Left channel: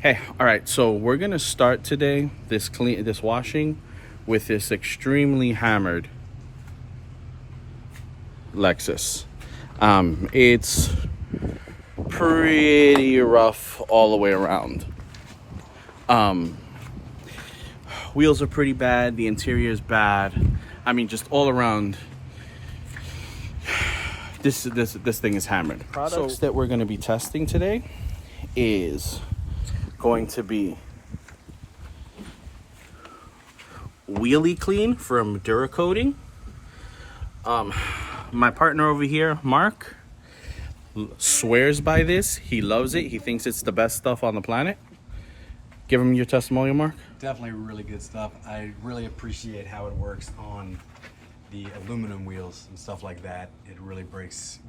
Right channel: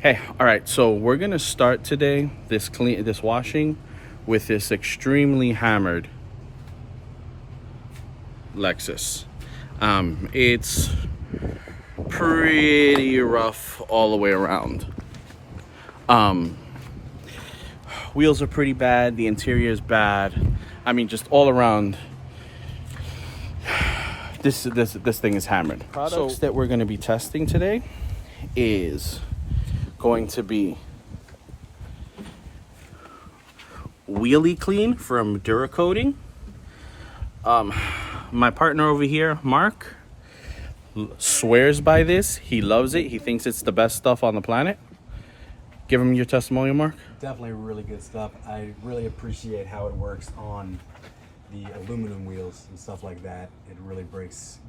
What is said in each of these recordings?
Hey, all right, so we're gonna start today this washing with this extremely hammered Lexus. It's pretty rough all the way around. Wheels are pretty bad, the interior is bad. I mean, just all around, this thing is hammered. Products that we're gonna be testing today is going to be Wheelie Clean from Duracoating. My partner over here, Mark, swears by this. He loves it. He thinks it's the best stuff on the planet. Give him your testimonial, Mark. Definitely really good stuff. I really appreciate how it works on the aluminum wheels and stuff like that. It really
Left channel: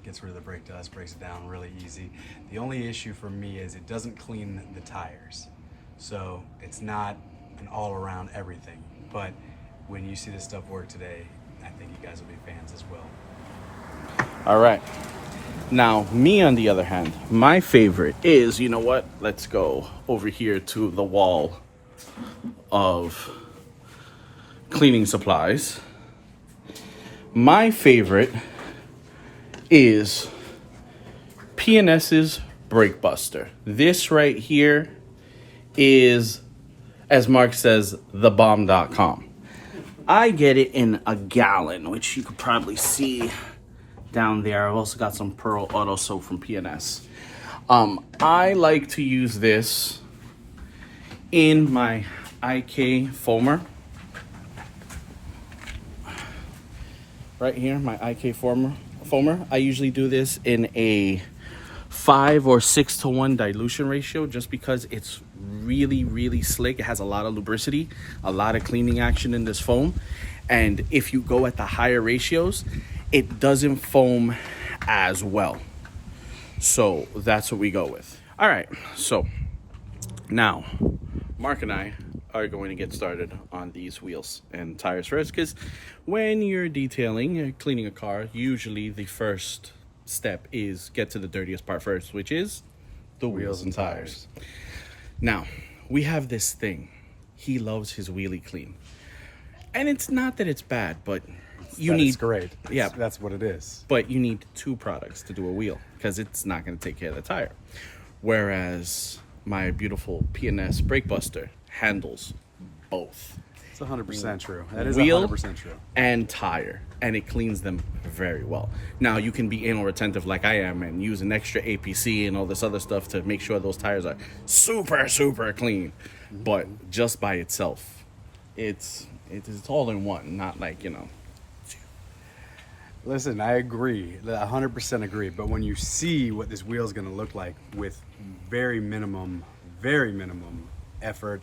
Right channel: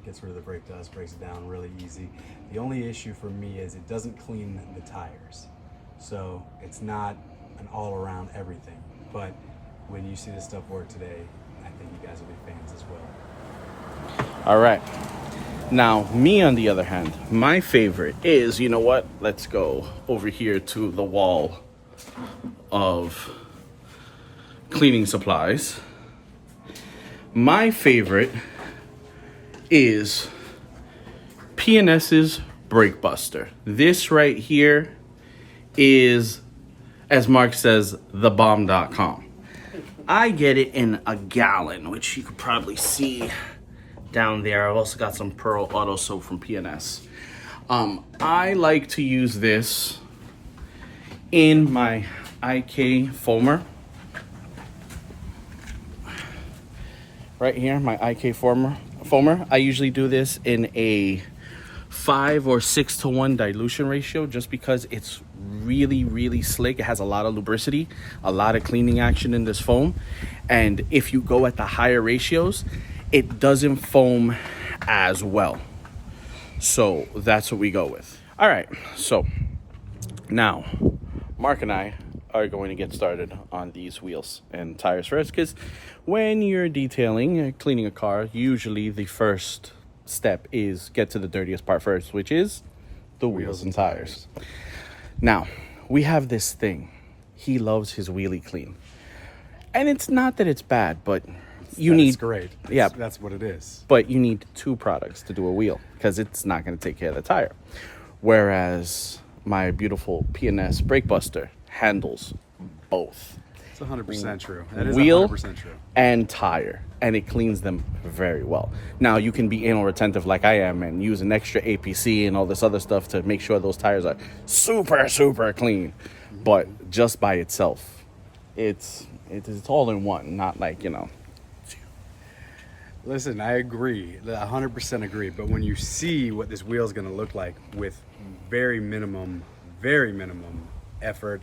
gets rid of the brake dust, breaks it down really easy. The only issue for me is it doesn't clean the tires. So it's not an all-around everything. But when you see this stuff work today, I think you guys will be fans as well. All right. Now, me on the other hand, my favorite is, you know what? Let's go over here to the wall of cleaning supplies. My favorite is P&S's Brake Buster. This right here is, as Mark says, thebomb.com. I get it in a gallon, which you could probably see down there. I've also got some Pearl Auto Soap from P&S. I like to use this in my IK foamer. Right here, my IK foamer. I usually do this in a 5 or 6 to 1 dilution ratio just because it's really slick. It has a lot of lubricity, a lot of cleaning action in this foam. And if you go at the higher ratios, it doesn't foam as well. So that's what we go with. All right, so now Mark and I are going to get started on these wheels and tires first, because when you're detailing, you're cleaning a car, usually the first step is get to the dirtiest part first, which is the wheels and tires. Now, we have this thing. He loves his Wheelie Clean. And it's not that it's bad, but It's great. That's what it is. But you need 2 products to do a wheel because it's not going to take care of the tire. Whereas my beautiful P&S Brake Buster handles both. It's 100% true. That is wheel 100% true. And tire, and it cleans them very well. Now, you can be anal retentive like I am and use an extra APC and all this other stuff to make sure those tires are super clean. But just by itself, it's all in one, not like, you know. Listen, I agree. 100% agree. But when you see what this wheel is going to look like with very minimum effort,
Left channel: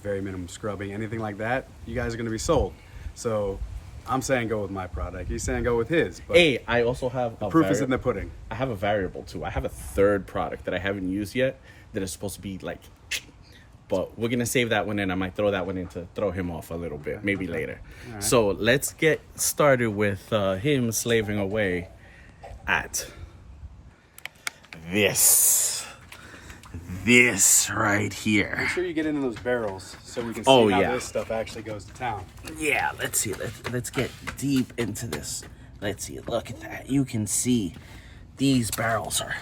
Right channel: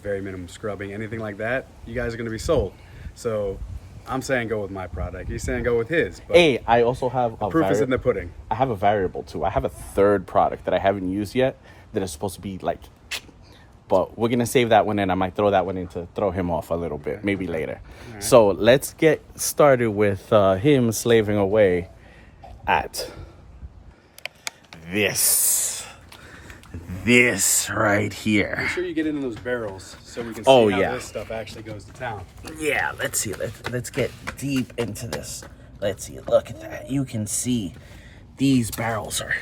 very minimum scrubbing, anything like that, you guys are going to be sold. So I'm saying go with my product. He's saying go with his. But hey, I also have the proof is in the pudding. I have a variable too. I have a third product that I haven't used yet that is supposed to be like, but we're going to save that one and I might throw that one in to throw him off a little bit, maybe later. Right. So let's get started with him slaving away at this right here. Make sure you get into those barrels so we can see how this stuff actually goes to town. Yeah, let's see. Let's get deep into this. Let's see. Look at that. You can see these barrels are...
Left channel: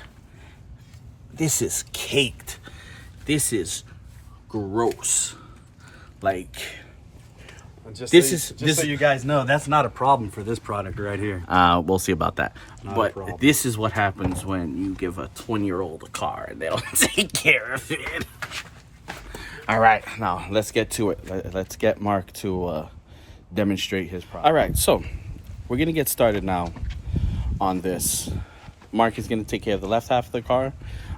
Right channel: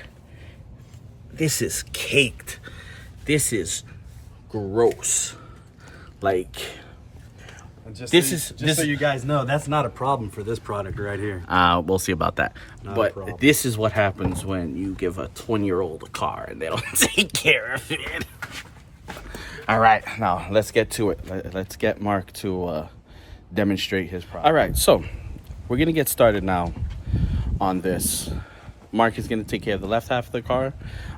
This is caked. This is gross. Like... Just so you guys know, that's not a problem for this product right here. We'll see about that. But this is what happens when you give a 20-year-old a car and they don't take care of it. All right, now let's get to it. Let's get Mark to demonstrate his product. All right, so we're going to get started now on this. Mark is going to take care of the left half of the car.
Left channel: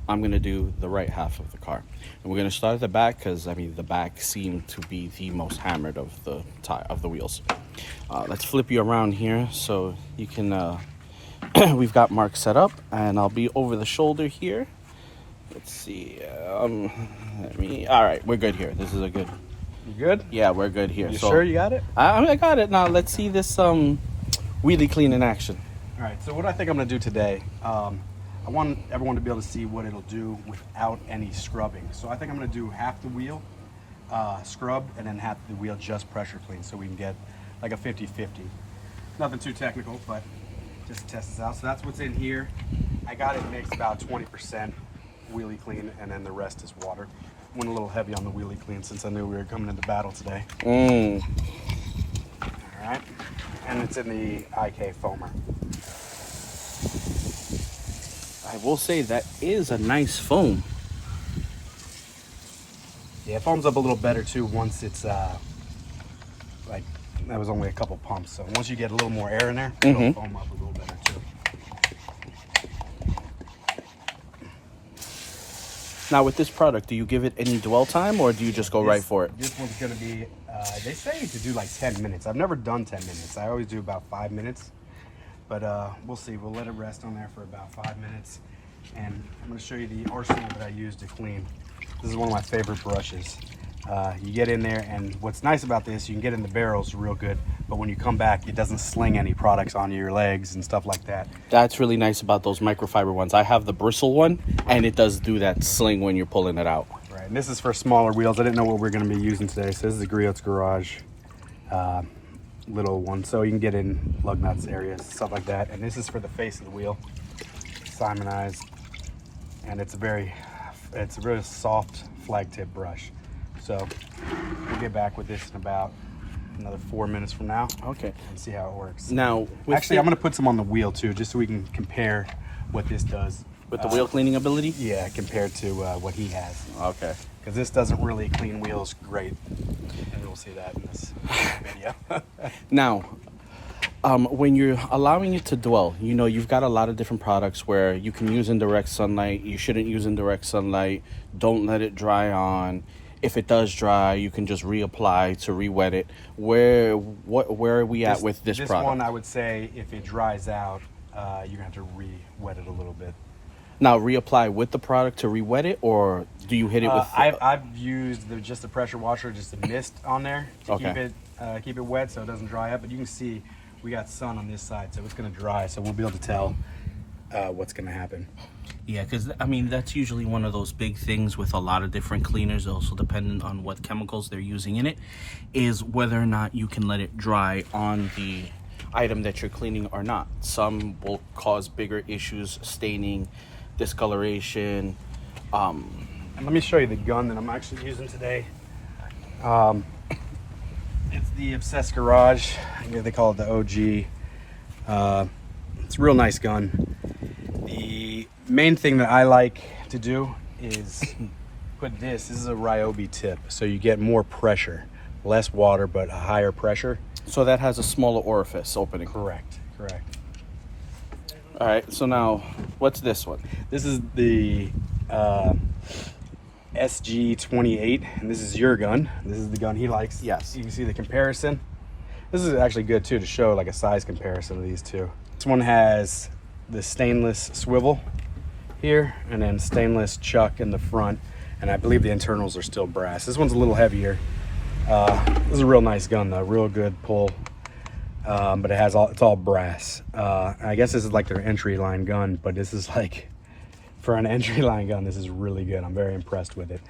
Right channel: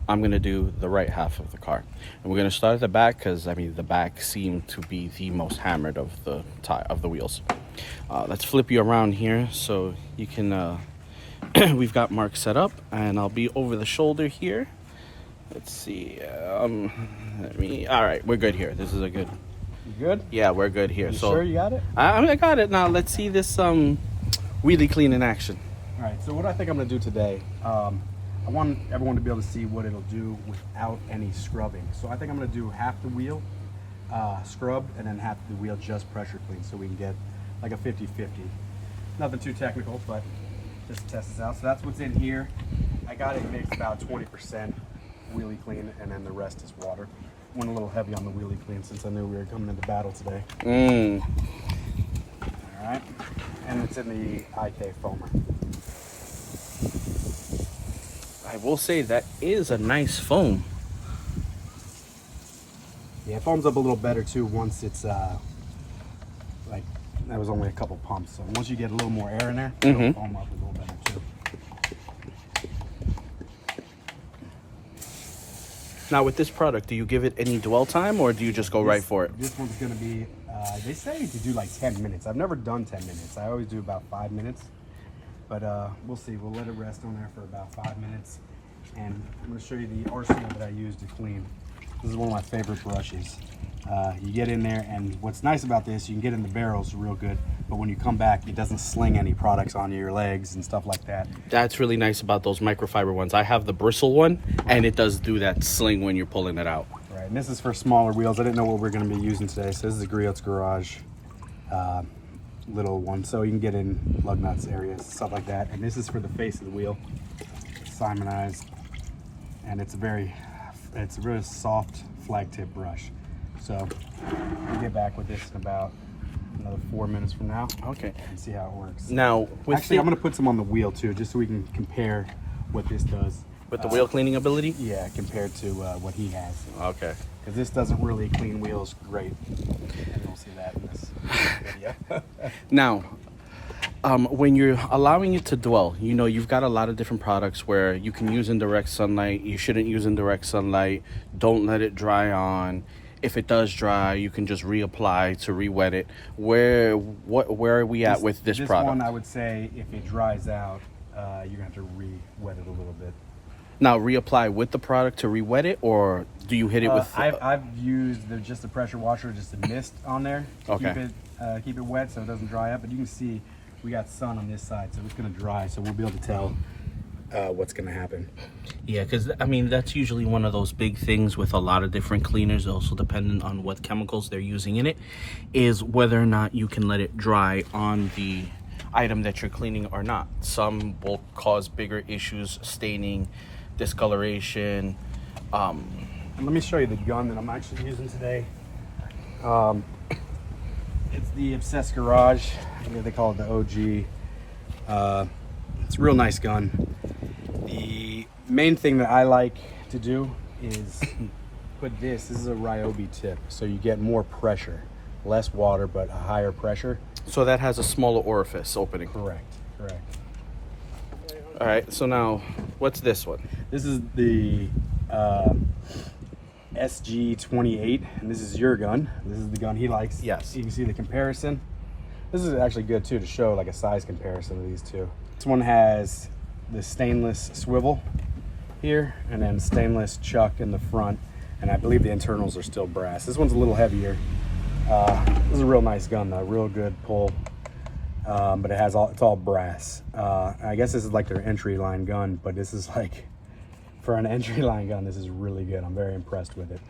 I'm going to do the right half of the car. And we're going to start at the back because, I mean, the back seemed to be the most hammered of the wheels. Let's flip you around here so you can... we've got Mark set up, and I'll be over the shoulder here. Let's see. All right, we're good here. This is a good... You good? Yeah, we're good here. You sure you got it? I got it. Now, let's see this Wheelie Clean in action. All right, so what I think I'm going to do today... I want everyone to be able to see what it'll do without any scrubbing. So I think I'm going to do half the wheel scrub and then half the wheel just pressure clean, so we can get like a 50-50. Nothing too technical, but just to test this out. So that's what's in here. I got it mixed about 20% wheelie clean, and then the rest is water. Went a little heavy on the wheelie clean since I knew we were coming into battle today. All right, and it's in the IK foamer. I will say that is a nice foam. Yeah, it foams up a little better too once it's like, that was only a couple pumps. So once you get a little more air in there, it'll foam up a little better too. Now with this product, do you give it any dwell time or do you just go right for it? This one's gonna be, they say to do like 10 minutes. I've never done 10 minutes. I always do about 5 minutes. But we'll see. We'll let it rest on there for about 5 minutes. And I'm going to show you the arsenal that I use to clean. This is one of my favorite brushes. You get in there, and what's nice about this, you can get in the barrels real good, but when you come back, it doesn't sling any products onto your legs and stuff like that. That's really nice about those microfiber ones. I have the bristle one, and it does do that sling when you're pulling it out. Right, and this is for smaller wheels. I didn't know what we're going to be using today, so this is the Griot's Garage little one, so you can get in lug nuts areas, stuff like that. And this is for the face of the wheel, Simonized, and it's a really soft flag tip brush. So we'll get back with this in about another 4 minutes from now. Okay. And see how it works. Now, actually, I'm going to put some on the wheel too, just so we can compare what this does. With the wheel cleaning ability? Yeah, compared to what he has. Okay. Because this doesn't really clean wheels great. And you'll see that in this video. Now, when you're allowing it to dwell, you know, you've got a lot of different products where you can use in direct sunlight. You shouldn't use in direct sunlight. Don't let it dry on. If it does dry, you can just reapply to re-wet it. Where are we at with this product? This one, I would say, if it dries out, you're going to have to re-wet it a little bit. Now, reapply with the product to re-wet it, or do you hit it with... I've used just the pressure washer, just a mist on there to keep it wet so it doesn't dry up. But you can see we got sun on this side, so it's going to dry, so we'll be able to tell what's going to happen. Yeah, because, I mean, that's usually one of those big things with a lot of different cleaners, also depending on what chemicals they're using in it, is whether or not you can let it dry on the item that you're cleaning or not. Some will cause bigger issues, staining, discoloration. Let me show you the gun that I'm actually using today. It's the Obsessed Garage. They call it the OG. It's a real nice gun. The main thing that I like to do is put this is a Ryobi tip, so you get more pressure, less water but a higher pressure. So that has a smaller orifice opening. Correct. All right, so now what's this one? This is the SG28, and this is your gun. This is the gun he likes. Yes. You can see the comparison. This is actually good too to show like a size comparison of these two. This one has the stainless swivel here, and then stainless chuck in the front, and I believe the internals are still brass. This one's a little heavier. This is a real nice gun though, real good pull. But it's all brass. I guess this is like their entry line gun, but this is like, for an entry line gun, this is really good. I'm very impressed with it.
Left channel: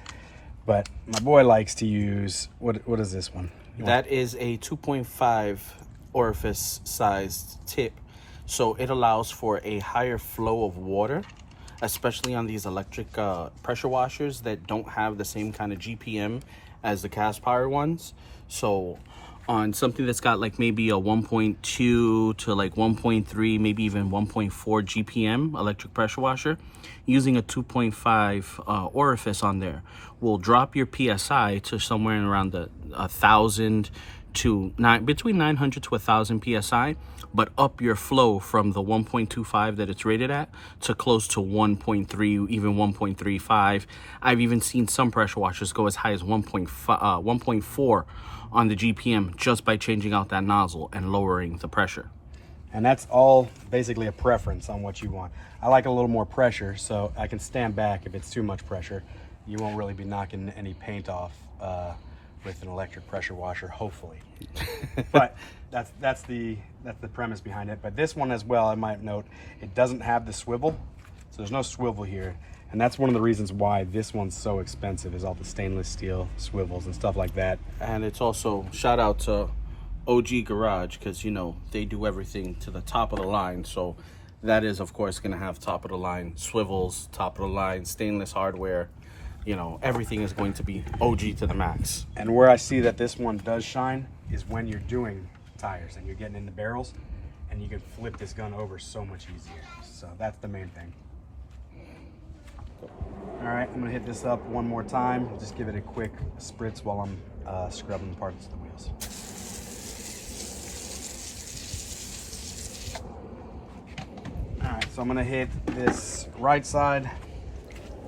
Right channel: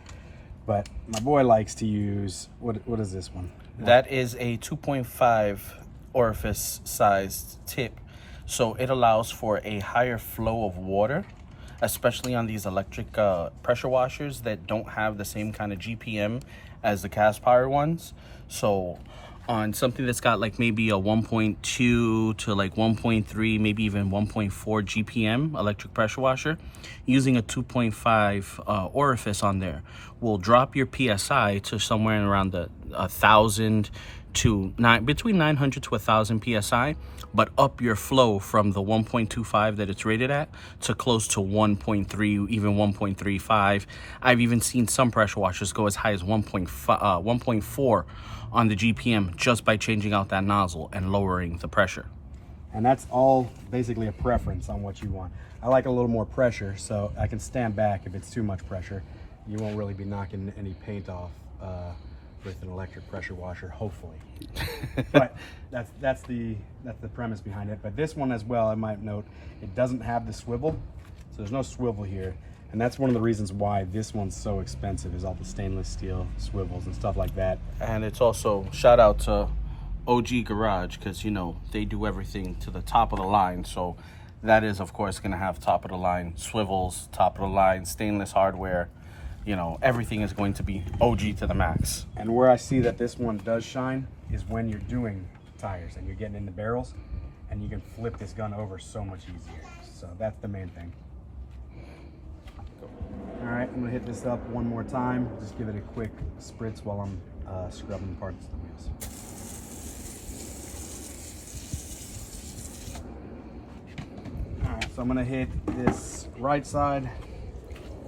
But my boy likes to use, what is this one? That is a 2.5 orifice sized tip. So it allows for a higher flow of water, especially on these electric pressure washers that don't have the same kind of GPM as the cast power ones. So on something that's got like maybe a 1.2 to like 1.3, maybe even 1.4 GPM electric pressure washer, using a 2.5 orifice on there will drop your PSI to somewhere around the 1,000 to between 900 to 1,000 PSI, but up your flow from the 1.25 that it's rated at to close to 1.3, even 1.35. I've even seen some pressure washers go as high as 1.4 on the GPM just by changing out that nozzle and lowering the pressure. And that's all basically a preference on what you want. I like a little more pressure, so I can stand back if it's too much pressure. You won't really be knocking any paint off with an electric pressure washer, hopefully. But that's the premise behind it. But this one as well, I might note, it doesn't have the swivel. So there's no swivel here. And that's one of the reasons why this one's so expensive, is all the stainless steel swivels and stuff like that. And it's also, shout out to OG Garage, because, you know, they do everything to the top of the line. So that is, of course, going to have top of the line swivels, top of the line stainless hardware. You know, everything is going to be OG to the max. And where I see that this one does shine is when you're doing tires and you're getting in the barrels, and you can flip this gun over so much easier. So that's the main thing. All right, I'm gonna hit this up one more time. Just give it a quick spritz while I'm scrubbing parts of the wheels. All right, so I'm gonna hit this right side.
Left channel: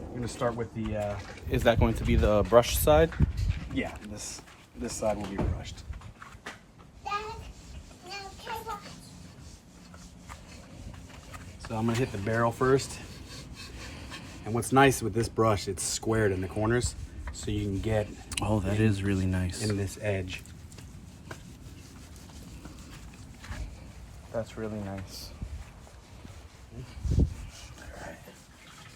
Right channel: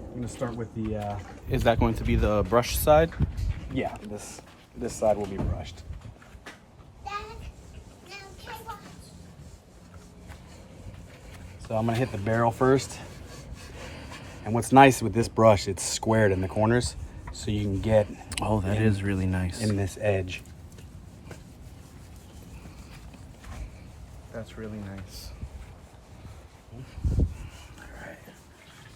I'm gonna start with the. Is that going to be the brush side? Yeah, this side will be brushed. So I'm gonna hit the barrel first. And what's nice with this brush, it's squared in the corners, so you can get. Oh, that is really nice. In this edge. That's really nice. Alright.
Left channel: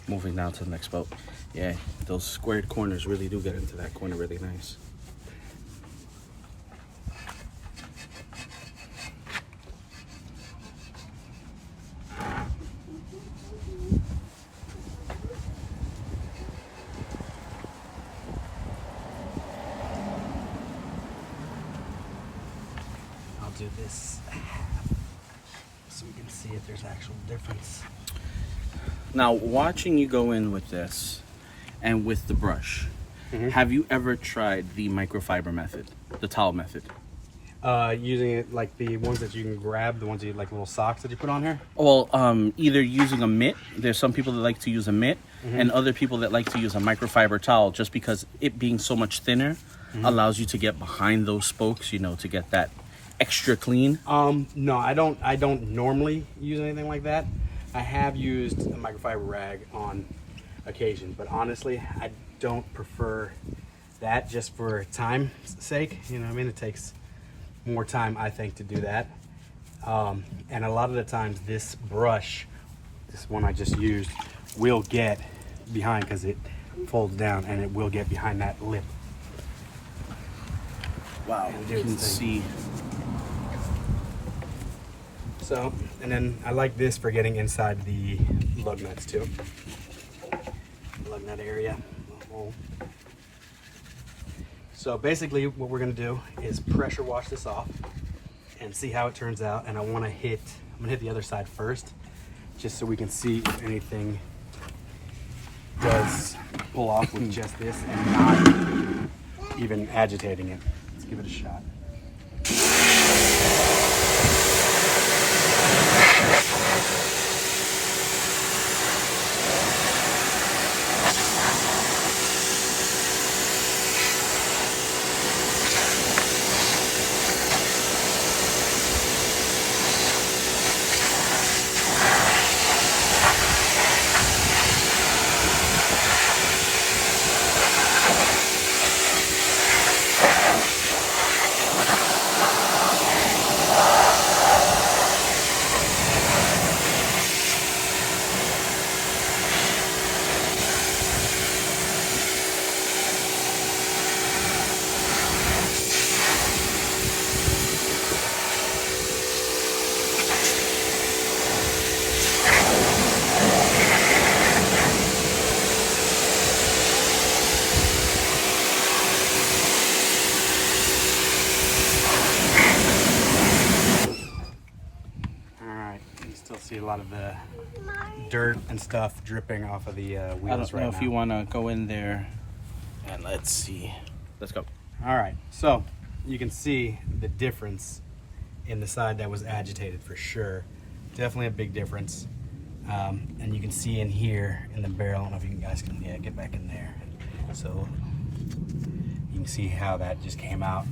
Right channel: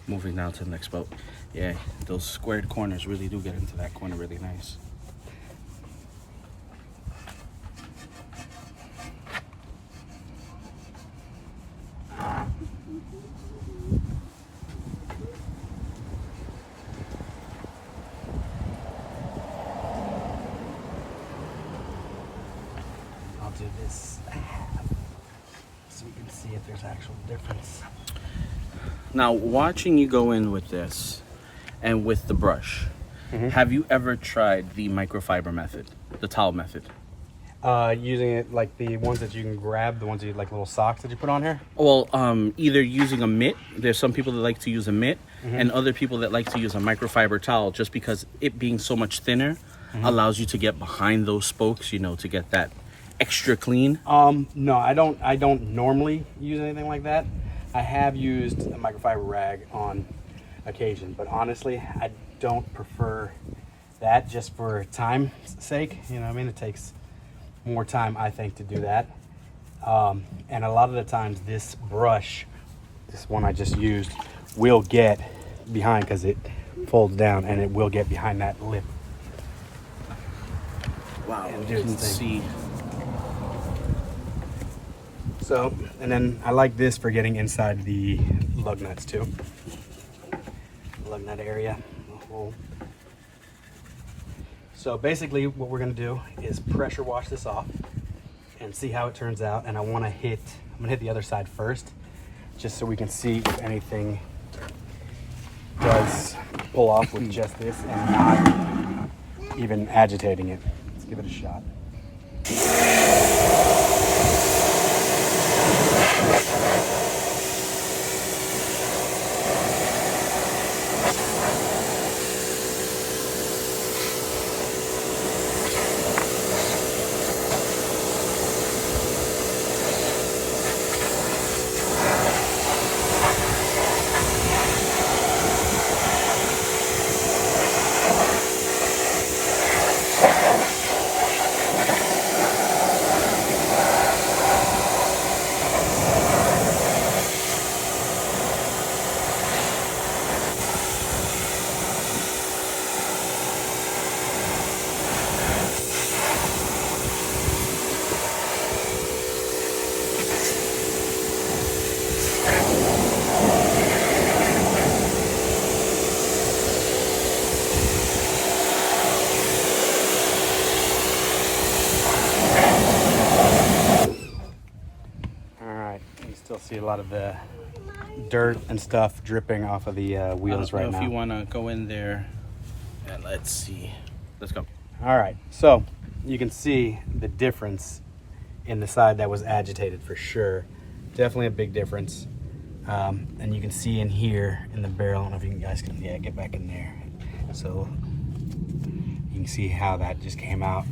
Moving down to the next boat. Yeah, those squared corners really do get into that corner really nice. I'll do this so you can see if there's actual difference. Now, watching you go in with this and with the brush, have you ever tried the microfiber method, the towel method? Using it like the ones that you can grab, the ones that you like little socks that you put on here? Well, either using a mitt. There's some people that like to use a mitt, and other people that like to use a microfiber towel, just because it being so much thinner allows you to get behind those spokes, you know, to get that extra clean. No, I don't normally use anything like that. I have used a microfiber rag on occasion, but honestly, I don't prefer that, just for time's sake. You know what I mean? It takes more time, I think, to do that. And a lot of the times this brush, this one I just used, will get behind, because it folds down, and it will get behind that lip. Wow, you can see. So, and then I like this for getting inside the lug nuts too. Lug nut area. So basically what we're gonna do is pressure wash this off and see how it turns out. And I'm gonna hit the other side first, just so we can see if anything does pull off with just this and even agitating it. Let's give it a shot. See a lot of the dirt and stuff dripping off of the wheels right now. I don't know if you want to go in there and let's see. Let's go. All right, so you can see the difference in the side that was agitated for sure. Definitely a big difference. And you can see in here in the barrel, I don't know if you guys can, yeah, get back in there. So you can see how that just came out.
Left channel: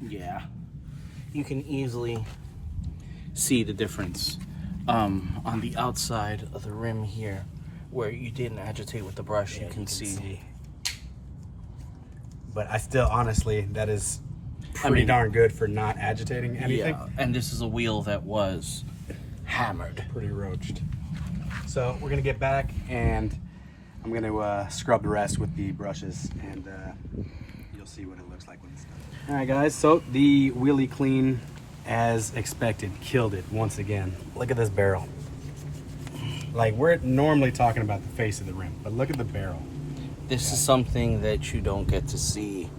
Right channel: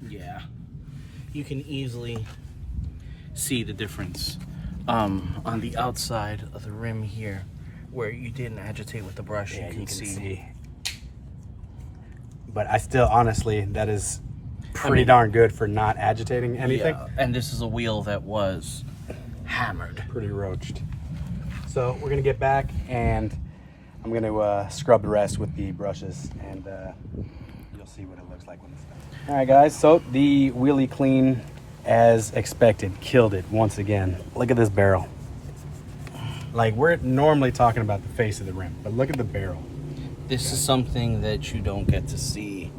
Yeah, you can easily see the difference on the outside of the rim here, where you didn't agitate with the brush. Yeah, you can see. But I still, honestly, that is pretty darn good for not agitating anything. Yeah, and this is a wheel that was hammered. Pretty roached. So we're gonna get back and I'm gonna scrub the rest with the brushes, and you'll see what it looks like when it's done. All right, guys. So the wheelie clean, as expected, killed it once again. Look at this barrel. Like, we're normally talking about the face of the rim, but look at the barrel. This is something that you don't get to see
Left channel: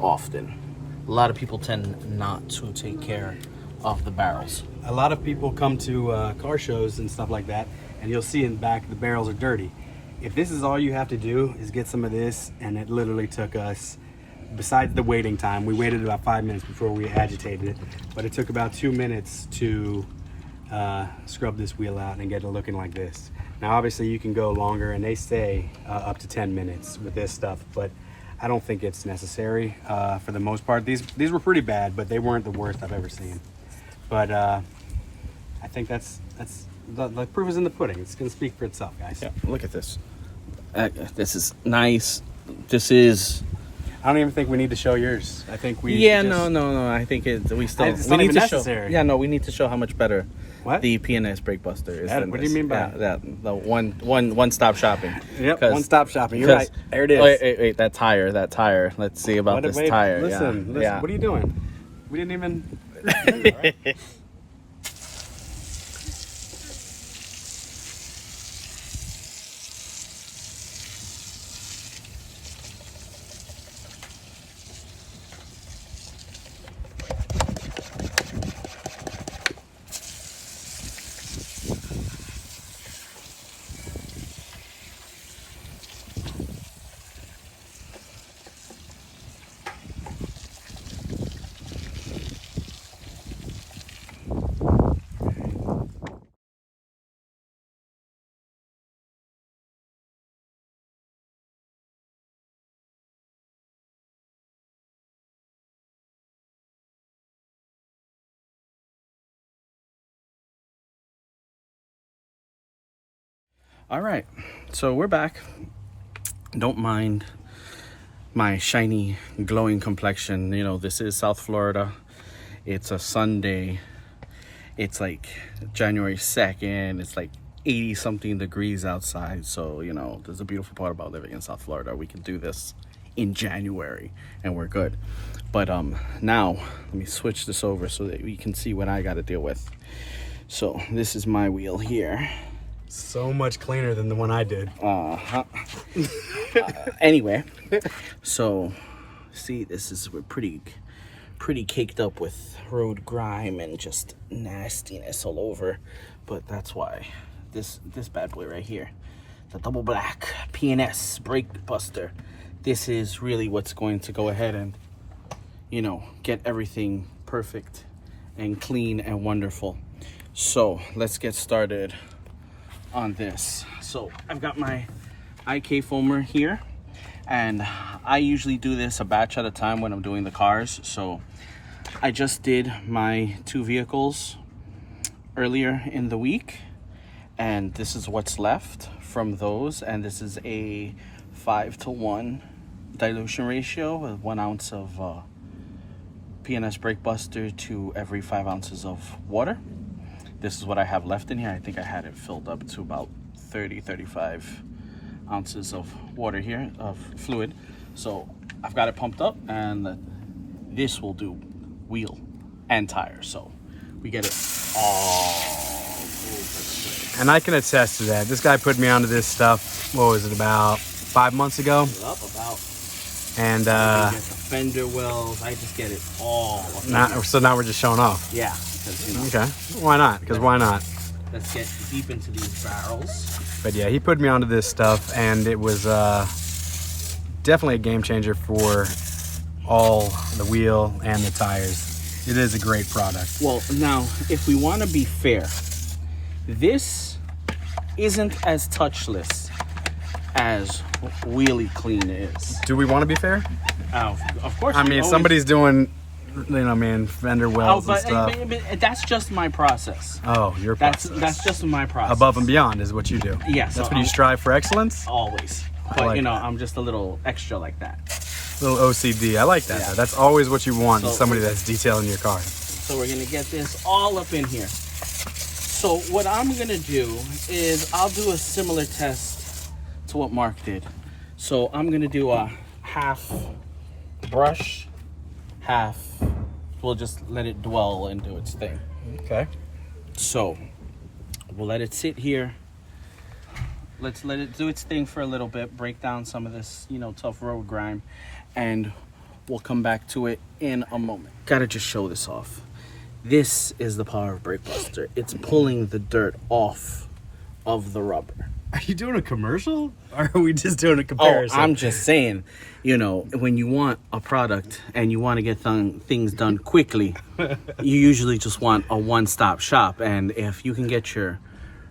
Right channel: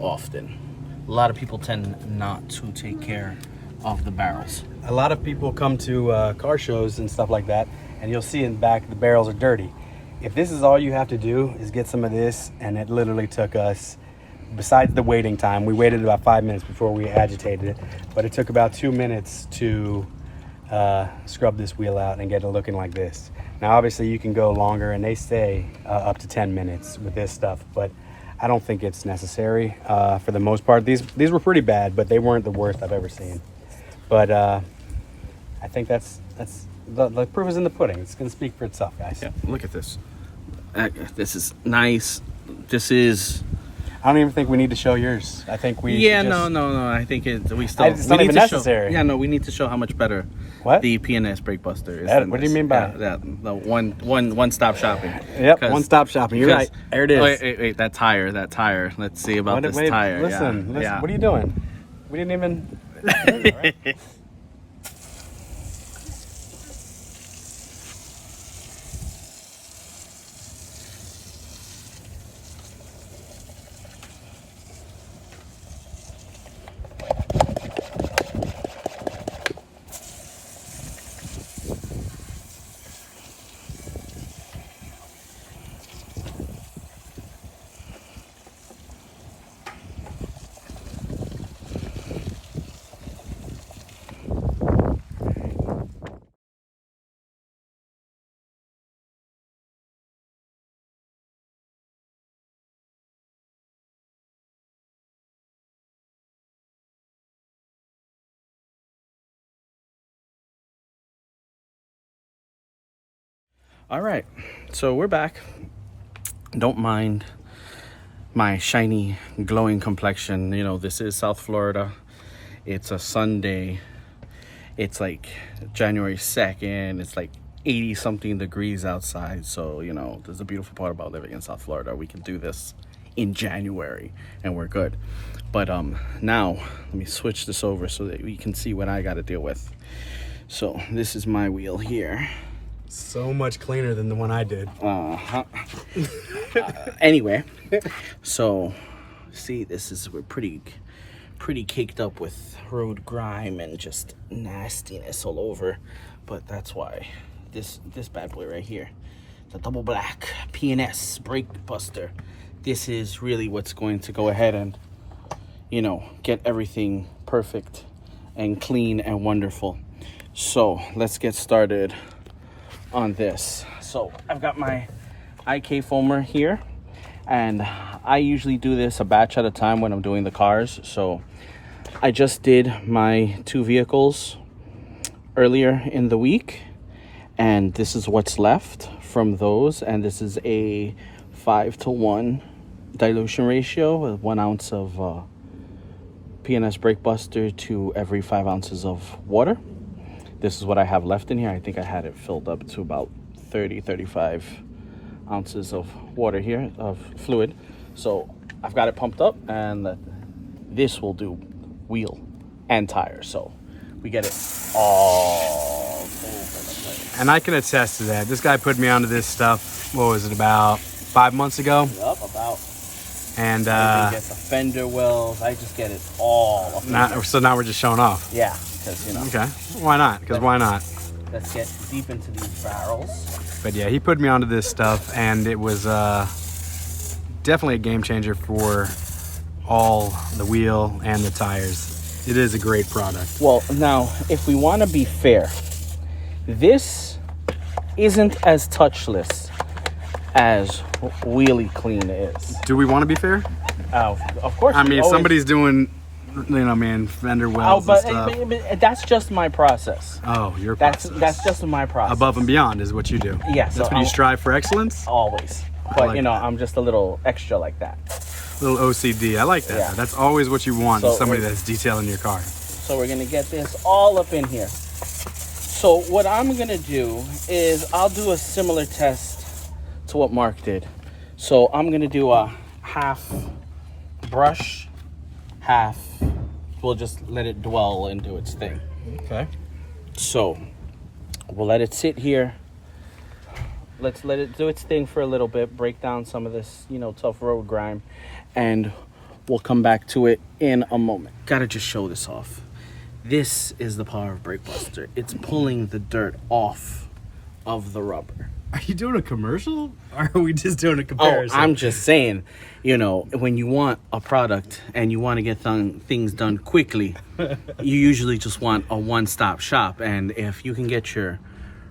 often. A lot of people tend not to take care of the barrels. A lot of people come to car shows and stuff like that, and you'll see in the back the barrels are dirty. If this is all you have to do is get some of this, and it literally took us, besides the waiting time, we waited about 5 minutes before we agitated it, but it took about 2 minutes to scrub this wheel out and get it looking like this. Now obviously you can go longer, and they say up to 10 minutes with this stuff, but I don't think it's necessary for the most part. These were pretty bad, but they weren't the worst I've ever seen. But I think that's the proof is in the pudding. It's gonna speak for itself, guys. Yeah, look at this. This is nice. This is. I don't even think we need to show yours. I think we. Yeah, just, no. I think we need necessary. to show. Yeah, no, we need to show how much better what? the P&S Brake Buster is. What do you mean by that? The one-stop shopping. Yep, one-stop shopping. You're right. There it is. Wait, that tire. Let's see about this tire. Listen, yeah. What are you doing? We didn't even. All right. All right, so we're back. Don't mind my shiny, glowing complexion. You know, this is South Florida. It's a Sunday. It's like January 2nd. It's like 80 something degrees outside. So, you know, there's a beautiful part about living in South Florida. We can do this in January and we're good. But now let me switch this over so that we can see what I got to deal with. So this is my wheel here. So much cleaner than the one I did. Anyway, so see, we're pretty caked up with road grime and just nastiness all over. But that's why this bad boy right here, the double black P&S Brake Buster, this is really what's going to go ahead and, you know, get everything perfect and clean and wonderful. So let's get started on this. So I've got my IK foamer here, and I usually do this a batch at a time when I'm doing the cars. So I just did my 2 vehicles earlier in the week, and this is what's left from those, and this is a 5-to-1 dilution ratio, 1 ounce of P&S Brake Buster to every 5 ounces of water. This is what I have left in here. I think I had it filled up to about 35 ounces of water here, of fluid. So I've got it pumped up, and this will do wheel and tire. So we get it all. And I can attest to that. This guy put me onto this stuff, what was it, about 5 months ago? Yep, about. And get the fender wells. I just get it all. so now we're just showing off. Yeah. You know, okay, why not? Because why not? Let's get deep into these barrels. But yeah, he put me onto this stuff, and it was definitely a game changer for all the wheel and the tires. It is a great product. Well, now, if we want to be fair, this isn't as touchless as Wheelie Clean is. Do we want to be fair? Of course. I mean, somebody's doing, you know, man, fender wells and stuff. But that's just my process. Oh, your process. That's just my process. Above and beyond is what you do. Yes. That's when you strive for excellence? Always. But, like you know, that. I'm just a little extra like that. Little OCD. I like that, Yeah. though. That's always what you want in somebody that's detailing your car. So we're going to get this all up in here. So what I'm gonna do is I'll do a similar test to what Mark did. So I'm gonna do a half brush, half, we'll just let it dwell and do its thing. Okay. So we'll let it sit here. Let's let it do its thing for a little bit, break down some of this, you know, tough road grime, and we'll come back to it in a moment. Gotta just show this off. This is the power of Brake Buster. It's pulling the dirt off of the rubber. Are you doing a commercial, or are we just doing a Oh, comparison? I'm just saying, you know, when you want a product and you want to get things done quickly, you usually just want a one-stop shop. And if you can get your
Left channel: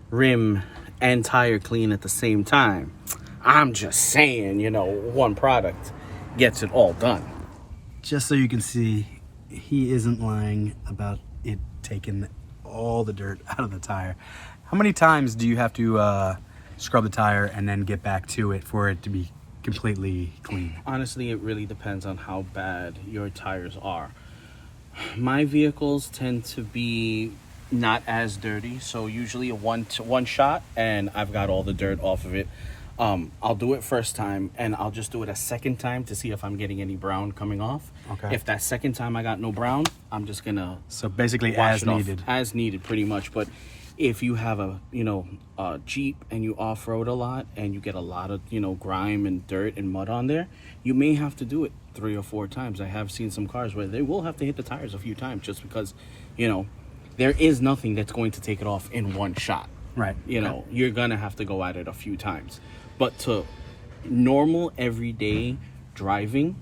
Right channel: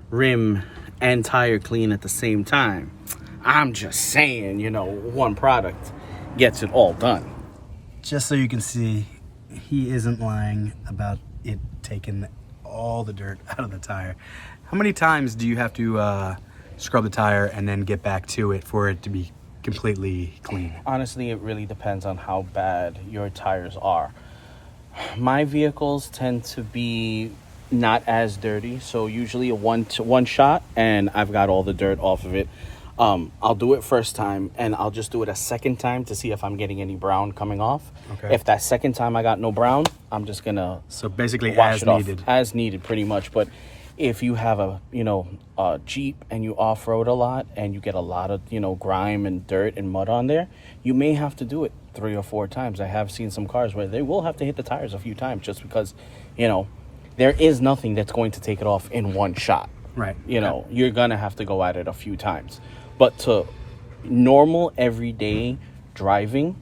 rim and tire clean at the same time, I'm just saying, you know, one product gets it all done. Just so you can see, he isn't lying about it taking all the dirt out of the tire. How many times do you have to scrub the tire and then get back to it for it to be completely clean? Honestly, it really depends on how bad your tires are. My vehicles tend to be not as dirty, so usually a one shot and I've got all the dirt off of it. I'll do it first time and I'll just do it a second time to see if I'm getting any brown coming off. Okay. If that second time I got no brown, I'm just gonna So basically wash as it off. needed. As needed, pretty much. But if you have a, you know, a Jeep and you off-road a lot and you get a lot of, you know, grime and dirt and mud on there, you may have to do it 3 or 4 times. I have seen some cars where they will have to hit the tires a few times just because, you know, there is nothing that's going to take it off in one shot. Right. You know, you're gonna have to go at it a few times. But to normal everyday driving,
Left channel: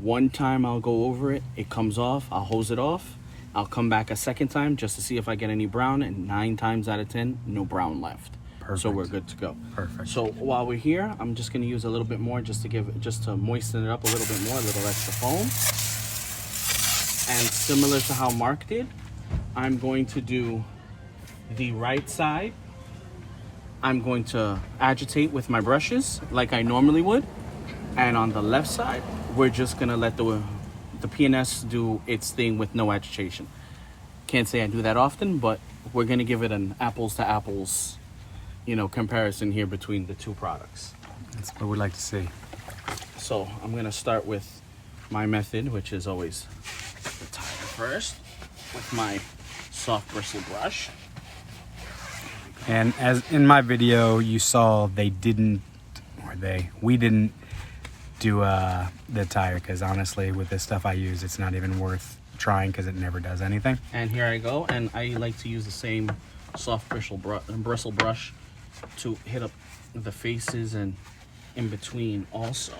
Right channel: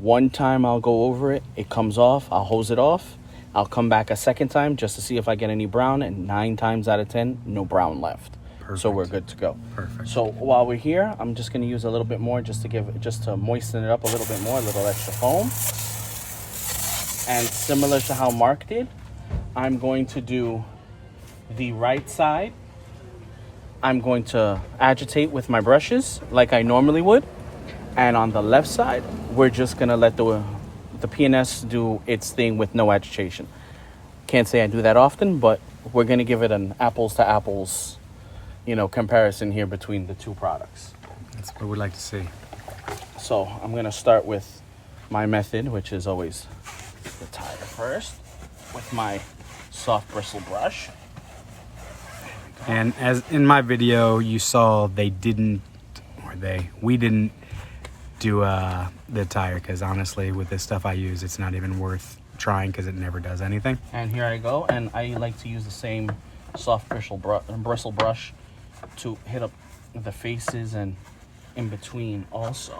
one time I'll go over it, it comes off, I'll hose it off, I'll come back a second time just to see if I get any brown, and 9 times out of 10, no brown left. Perfect. So we're good to go. Perfect. So while we're here, I'm just gonna use a little bit more just to moisten it up a little bit more, a little extra foam. And similar to how Mark did, I'm going to do the right side. I'm going to agitate with my brushes like I normally would. And on the left side, we're just gonna let the P&S do its thing with no agitation. Can't say I do that often, but we're gonna give it an apples to apples, you know, comparison here between the two products. That's what we'd like to see. So I'm gonna start with my method, which is always the tire first, with my soft bristle brush. And as in my video, you saw we didn't do the tire, because honestly, with this stuff I use, it's not even worth trying because it never does anything. And here I go, and I like to use the same soft bristle brush to hit up the faces and in between also.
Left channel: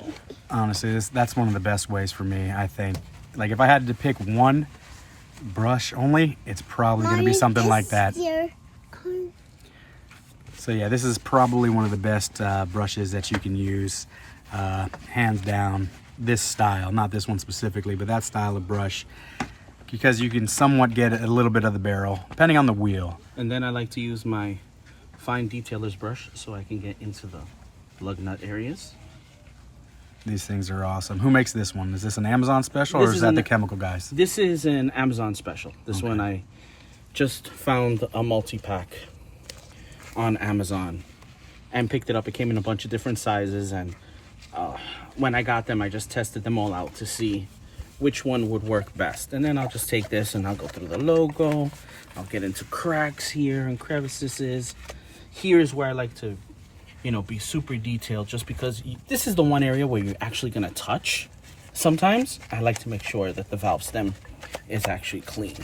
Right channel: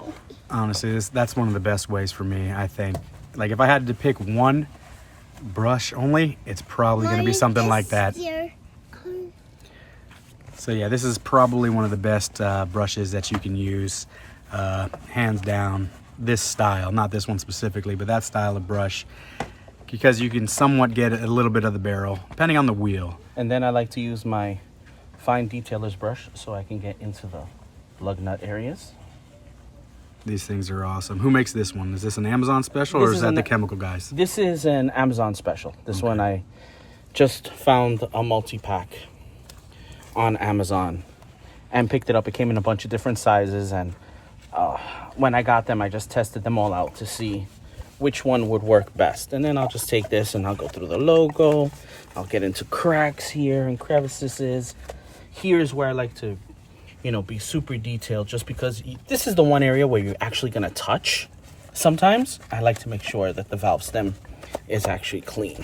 Honestly, that's one of the best ways for me, I think. Like if I had to pick one brush only, it's probably going to be something like that. So yeah, this is probably one of the best brushes that you can use, hands down. This style, not this one specifically, but that style of brush, because you can somewhat get a little bit of the barrel, depending on the wheel. And then I like to use my fine detailer's brush so I can get into the lug nut areas. These things are awesome. Who makes this one? Is this an Amazon special, or is that the chemical guys? This is an Amazon special. This Okay. one I just found a multi-pack on Amazon and picked it up. It came in a bunch of different sizes, and when I got them, I just tested them all out to see which one would work best. And then I'll just take this and I'll go through the logo. I'll get into cracks here and crevices. Here's where I like to, you know, be super detailed, just because this is the one area where you're actually gonna touch. Sometimes I like to make sure that the valve stem is actually clean.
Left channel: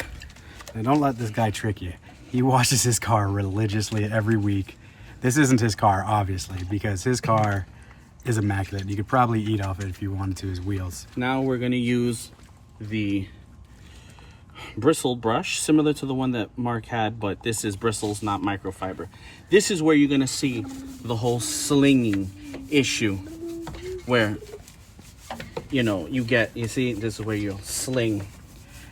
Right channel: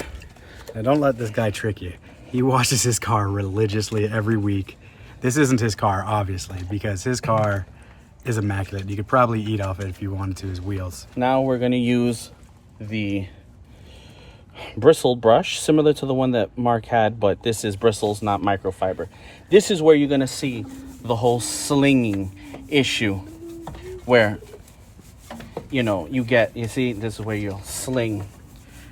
Now don't let this guy trick you. He washes his car religiously every week. This isn't his car, obviously, because his car is immaculate. You could probably eat off it if you wanted to, his wheels. Now we're gonna use the bristle brush, similar to the one that Mark had, but this is bristles, not microfiber. This is where you're gonna see the whole slinging issue, where, you know, you see, this is where you'll sling.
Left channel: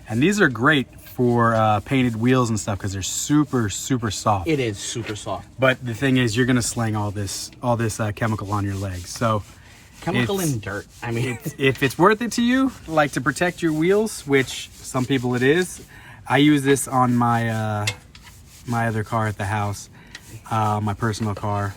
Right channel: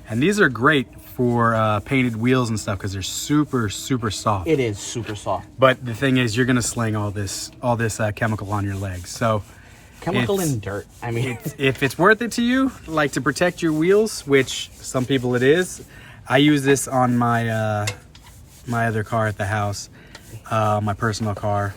And these are great for painted wheels and stuff because they're super, super soft. It is super soft. But the thing is, you're gonna sling all this chemical on your legs. So Chemical and dirt. I mean, if it's worth it to you, like to protect your wheels, which some people it is, I use this on my my other car at the house, my personal car.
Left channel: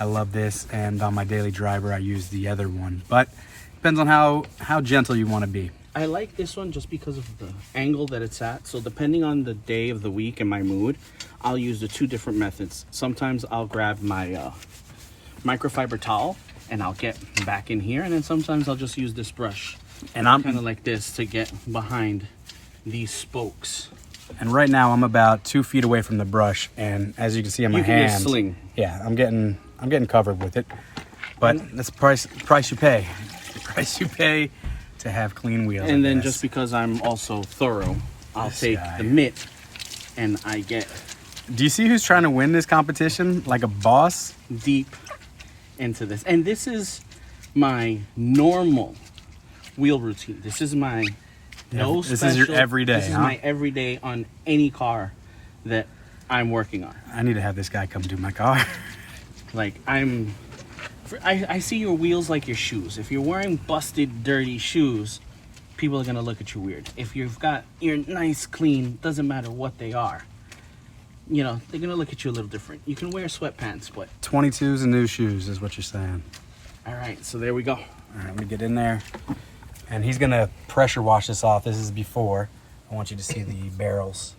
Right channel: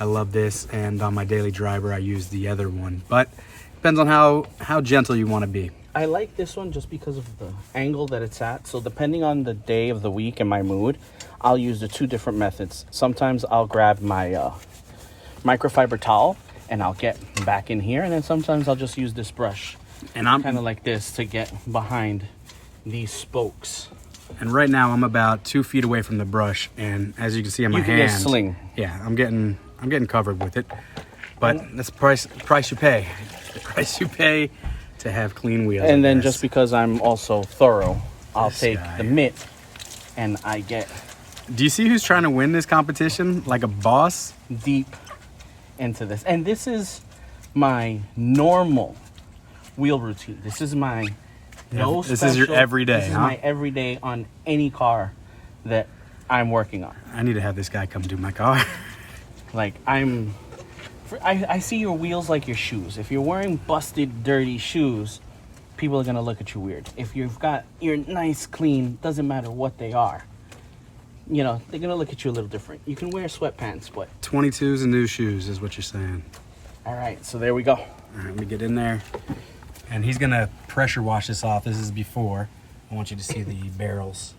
I love this, and on my daily driver I use the other one, but depends on how gentle you want to be. I like this one just because of the angle that it's at. So depending on the day of the week and my mood, I'll use the two different methods. Sometimes I'll grab my microfiber towel and I'll get back in here, and then sometimes I'll just use this brush, And I'm kind of like this, to get behind these spokes. And right now I'm about 2 feet away from the brush, and as you can see in my You can get a hand, sling. yeah, I'm getting covered with it. But that's the price you pay. The price you pay to have clean wheels. And I then guess. just because I'm also thorough, I'll This take guy. the mitt and I get Do you see who's trying to win this competition like a boss? deep into this. And this is my normal wheel routine. This is my This is your everyday, This is huh? my everyday on any car that I'm working on. I need to have this guy come do my car. Like I see your wheels like your shoes. If you're wearing busted, dirty shoes, people are gonna look at you weird. If you've got your nice, clean, doesn't matter what they are, you know, they're gonna look at you a little different. You can wear sweatpants, but 22s and new shoes is what you're saying. all right. So there we go. All right, let me get in there. And he's gonna pressure wash this off. This is before. I want you to see the barrels.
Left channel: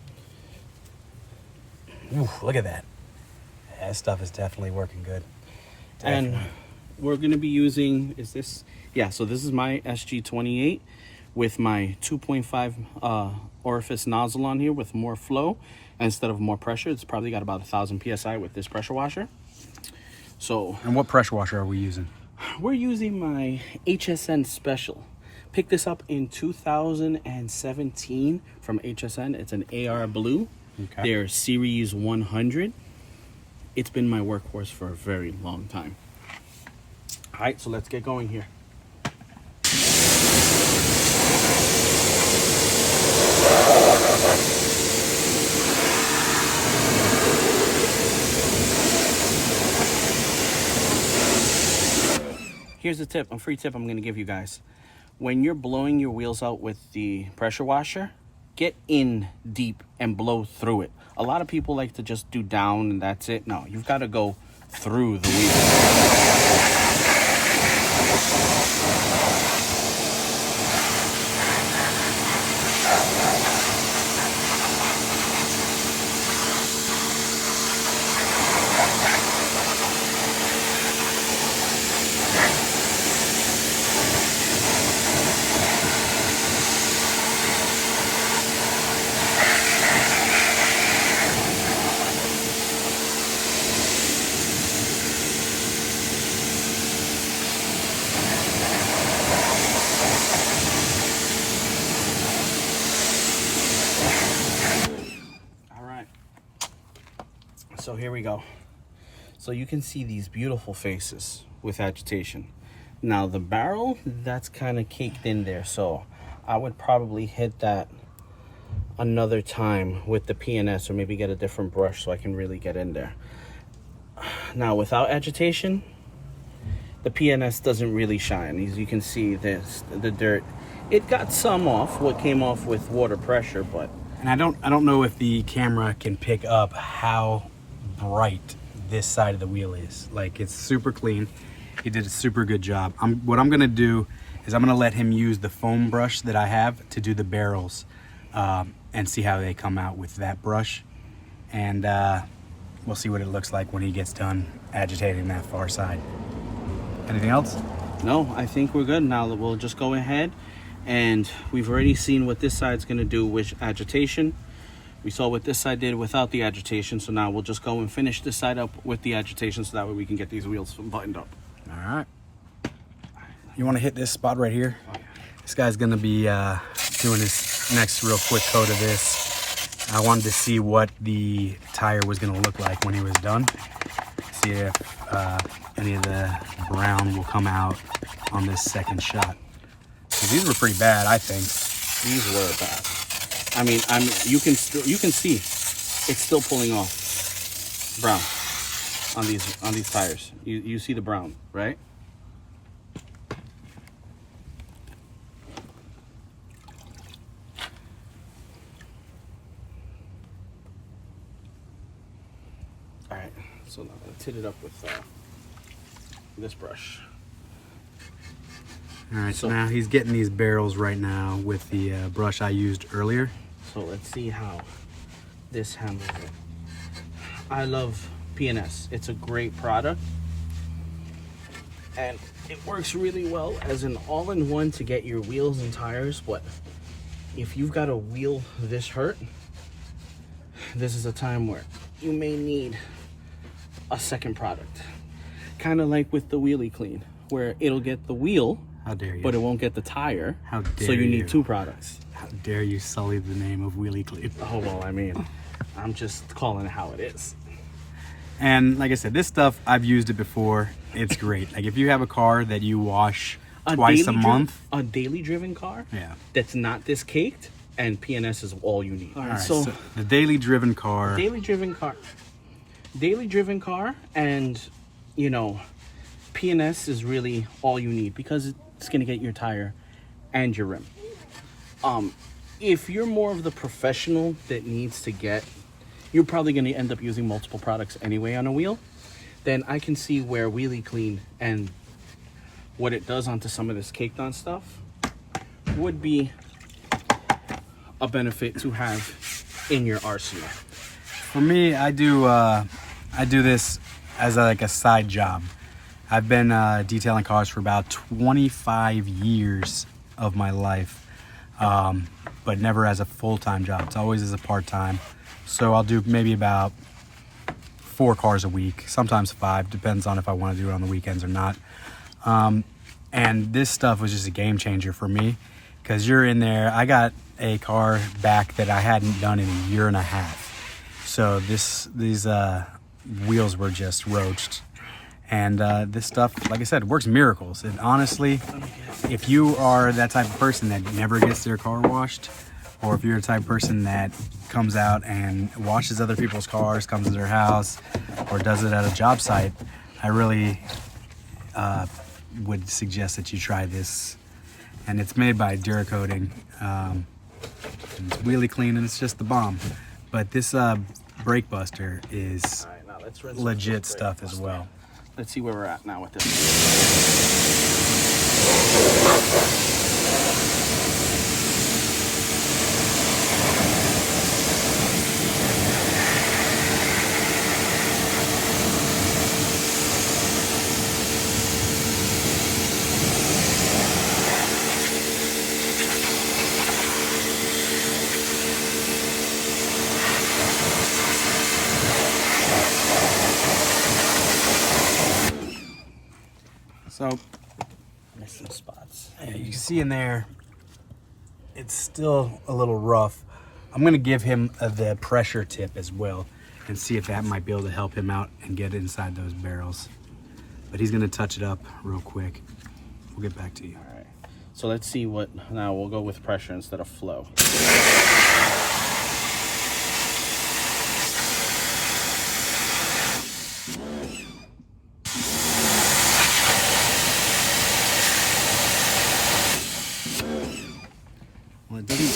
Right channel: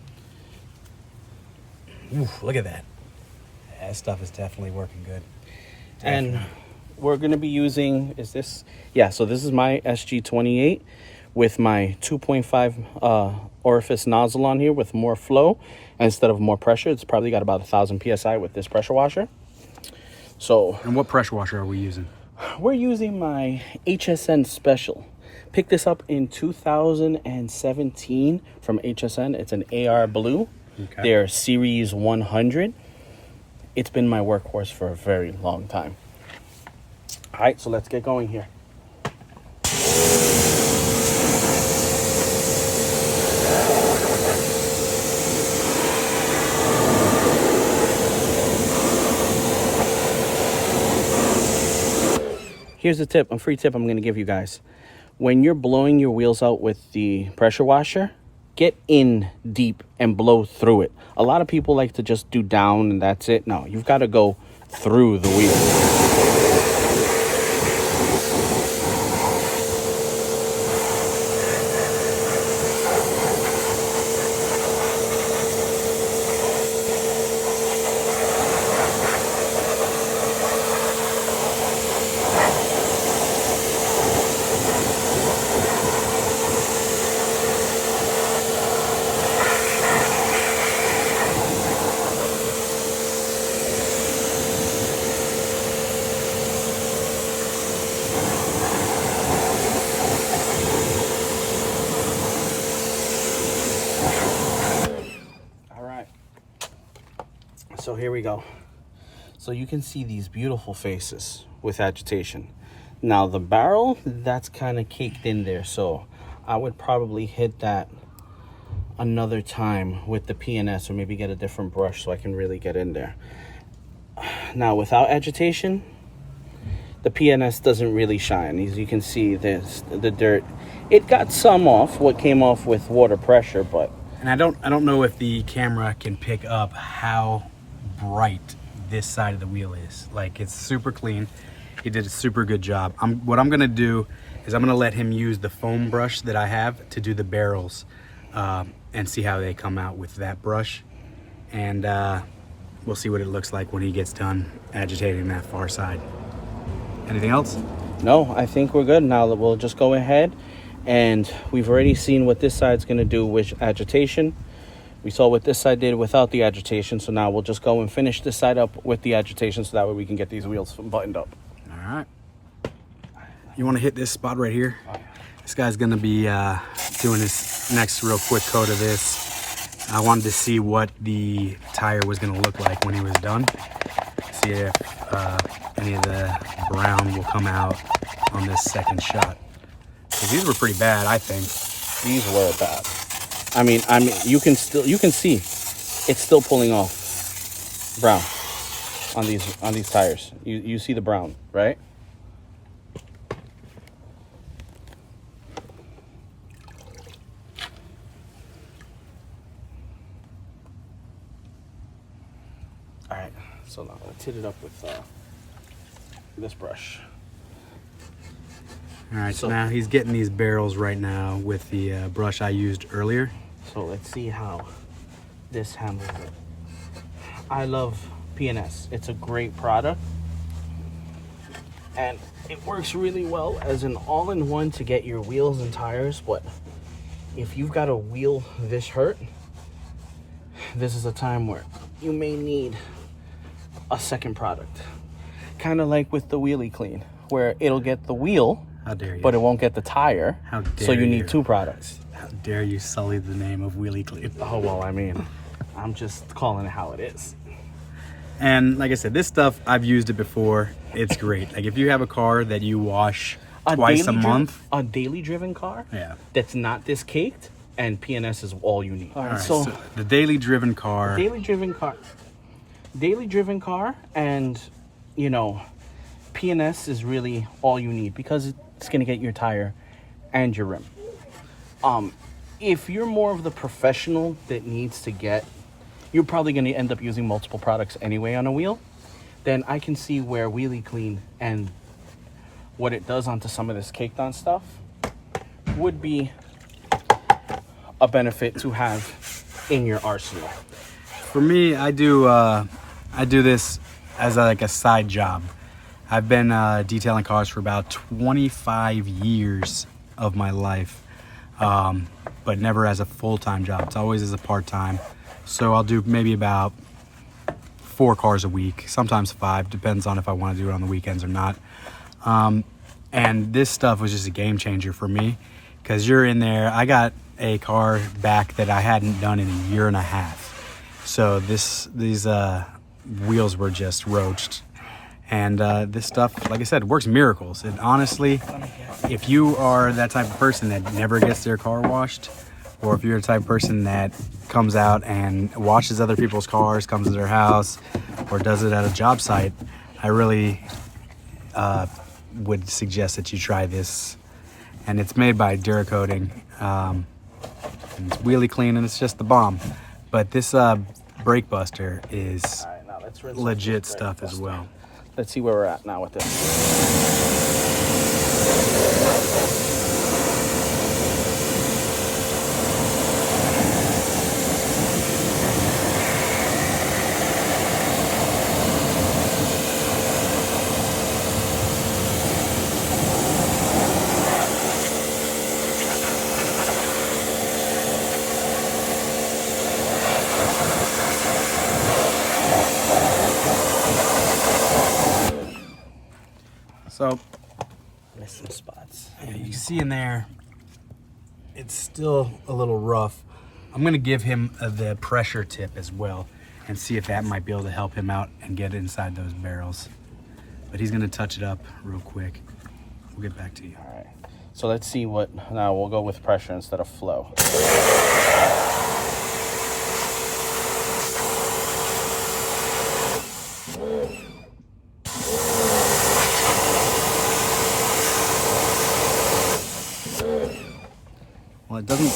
Ooh, look at that. That stuff is definitely working good. And we're going to be using, so this is my SG28 with my 2.5 orifice nozzle on here with more flow instead of more pressure. It's probably got about 1,000 PSI with this pressure washer. So, And what pressure washer are we using? we're using my HSN Special. Picked this up in 2017 from HSN. It's an AR Blue. Okay. They're Series 100. It's been my workhorse for a very long time. All right, so let's get going here. Here's a tip, a free tip I'm going to give you guys. When you're blowing your wheels out with the pressure washer, get in deep and blow through it. A lot of people like to just do down and that's it. No, you've got to go through the wheel. So here we go. So you can see these beautiful faces with agitation. Now the barrel, that's kind of caked in there. So I would probably hit that another time with the P&S, or maybe get a different brush so I can really get in there. Now without agitation, the P&S doesn't really shine. As you can see, the dirt, it got some off, what came off with water pressure, but. And I don't know if the camera can pick up how bright this side of the wheel is. Like, it's super clean. He did a super good job. What I'm gonna do is I'm gonna let him use the foam brush that I have to do the barrels and see how they come out with that brush. And we'll see what it looks like when he gets done agitating that far side. Anything else? No, I think we're good. Now that we'll just go ahead, and we've already seen what this side's gonna do with agitation. We saw what this side did without the agitation, so now we'll just go and finish this side up with the agitation so that way we can get these wheels buttoned up. All right. You want to hit this spot right here? This guy's going to be doing his next real quick coat of this. I wanted to see what the tire was going to look like when he was done. See if any of the brown will come out on this second shot. Because these were pretty bad, I think. These were bad. I mean, you can see it's still pulling off brown on these tires. You see the brown, right? So now let's hit it up with this brush. All right, so now he's getting these barrels right now with the brush I used earlier. So let's see how this handles it. I love P&S. It's a great product. And it works really well as an all-in-one to get your wheels and tires. But if you've got a wheel this hurt, this is a time where you may need a second product. Kind of like with the wheelie clean, where it'll get the wheel, how dare you, but it won't get the tire. How dare so you need you. 2 products. How dare you sully the name of Wheelie Clean? Oh, well, I mean, I'm just calling it how it is. And like I said, this stuff, I've used it before. It's great. Like if you have a car that you wash twice a month. A daily driven car? Yeah. That's not this caked, and P&S is all you need. All right, so the daily driven car. Daily driven car. Daily driven car, and, you know, P&S is really all you need because it's going to get your tire and your rim. If you're more of the professional that needs to get, you're probably going to end up using multiple products anyway on a wheel, then I can see where Wheelie Clean and what it does onto some of this caked on stuff would be a benefit to have in your arsenal. For me, I do this as like a side job. I've been detailing cars for about 25 years of my life, but never as a full-time job. It's always as a part-time. So I'll do maybe about 4 cars a week, sometimes 5, depends on if I want to do it on the weekends or not. And this stuff was just a game changer for me because you're in there. I got a car back that I hadn't done in a year and a half. So these wheels were just roached. And this stuff, like I said, works miracles. And honestly, if you are that type of person that never gets their car washed, or if you're the type of person that comes out and washes other people's cars, comes to their house, or does it at a job site, I really would suggest that you try this. And it's made by Duracoating. It's Wheelie Clean, and it's just the bomb. But this brake buster is legit stuff as well. Let's see where we're at now with this. So Missing spots. yeah, you can see in there, it's still a little rough. I'm gonna give him the pressure tip as well and see if that might be able to help him out and get inside those barrels. But he's gonna touch it up real quick. We'll get back to you. All right. So let's see what, now we'll go with pressure instead of flow. Well, it doesn't.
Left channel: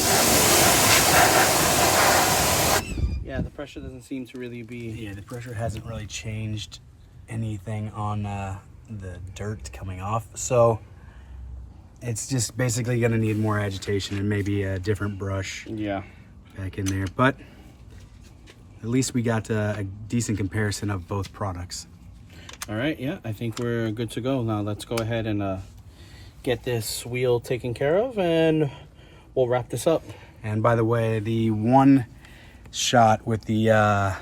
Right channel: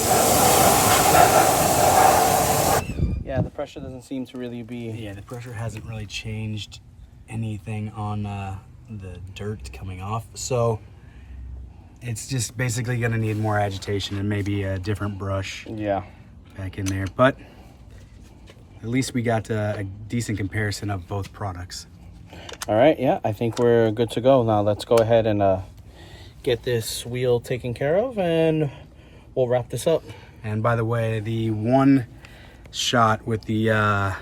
Yeah, the pressure doesn't seem to really be. Yeah, the pressure hasn't really changed anything on the dirt coming off. So it's just basically gonna need more agitation and maybe a different brush back in there. But at least we got a decent comparison of both products. All right, yeah, I think we're good to go. Now let's go ahead and get this wheel taken care of, and we'll wrap this up. And by the way, the one shot with the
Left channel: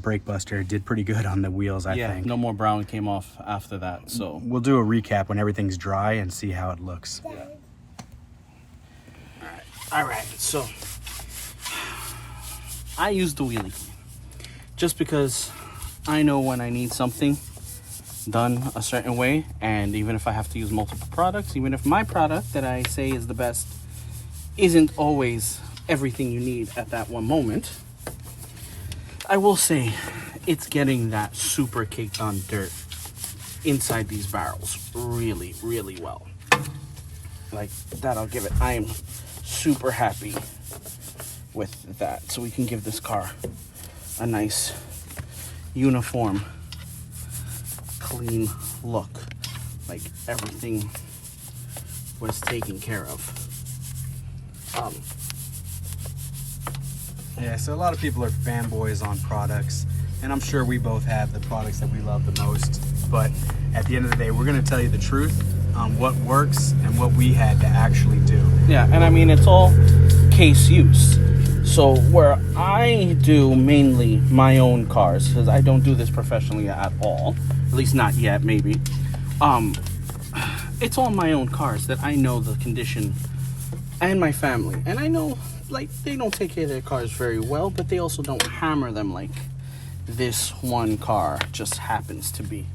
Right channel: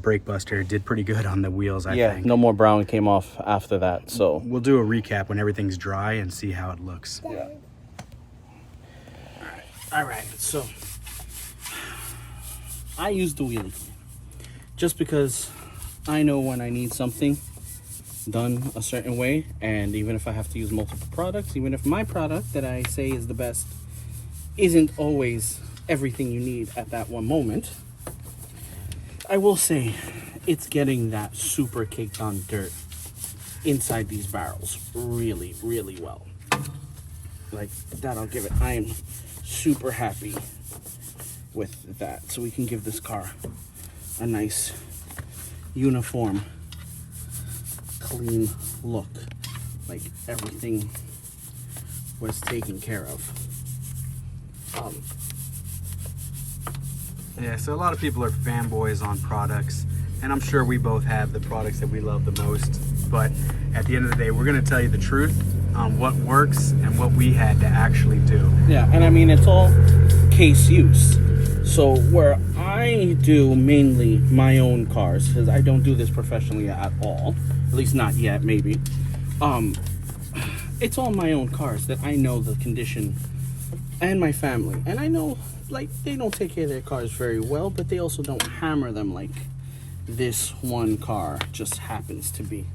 brake buster did pretty good on the wheels, I think. No more brown came off after that, so. We'll do a recap when everything's dry and see how it looks. Yeah. All right, so I use the wheelie just because I know when I need something done a certain way, and even if I have to use multiple products, even if my product that I say is the best isn't always everything you need at that one moment, I will say it's getting that super caked on dirt inside these barrels really, really well. Like that, I'll give it. I am super happy with that. So we can give this car a nice uniform, clean look. Like everything was taken care of. Yeah, so a lot of people are fanboys on products, and I'm sure we both have the products that we love the most. But at the end of the day, we're going to tell you the truth on what works and what we had to actually do. Yeah, and I mean, it's all case use. So where I do mainly my own cars, because I don't do this professionally at all, at least not yet, maybe. It's all my own cars that I know the condition, and my family. And I know, like, they don't take care of their cars very well, but they also don't hammer them like this one car just happens to be.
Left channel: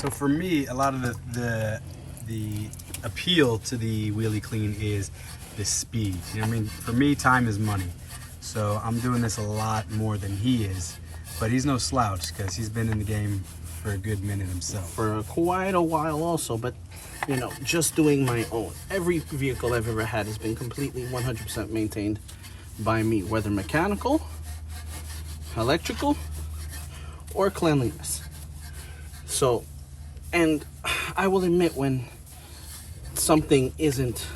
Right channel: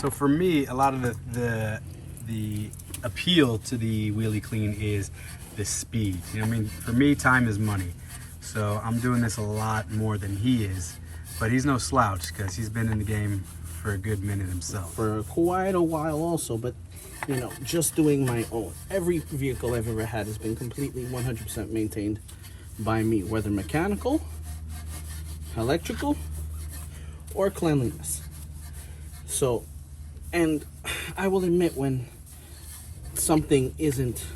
So for me, a lot of the appeal to the Wheelie Clean is the speed. You know what I mean? For me, time is money. So I'm doing this a lot more than he is, but he's no slouch because he's been in the game for a good minute himself. For quite a while also, but you know, just doing my own. Every vehicle I've ever had has been completely 100% maintained by me, whether mechanical, electrical, or cleanliness. So, and I will admit when something isn't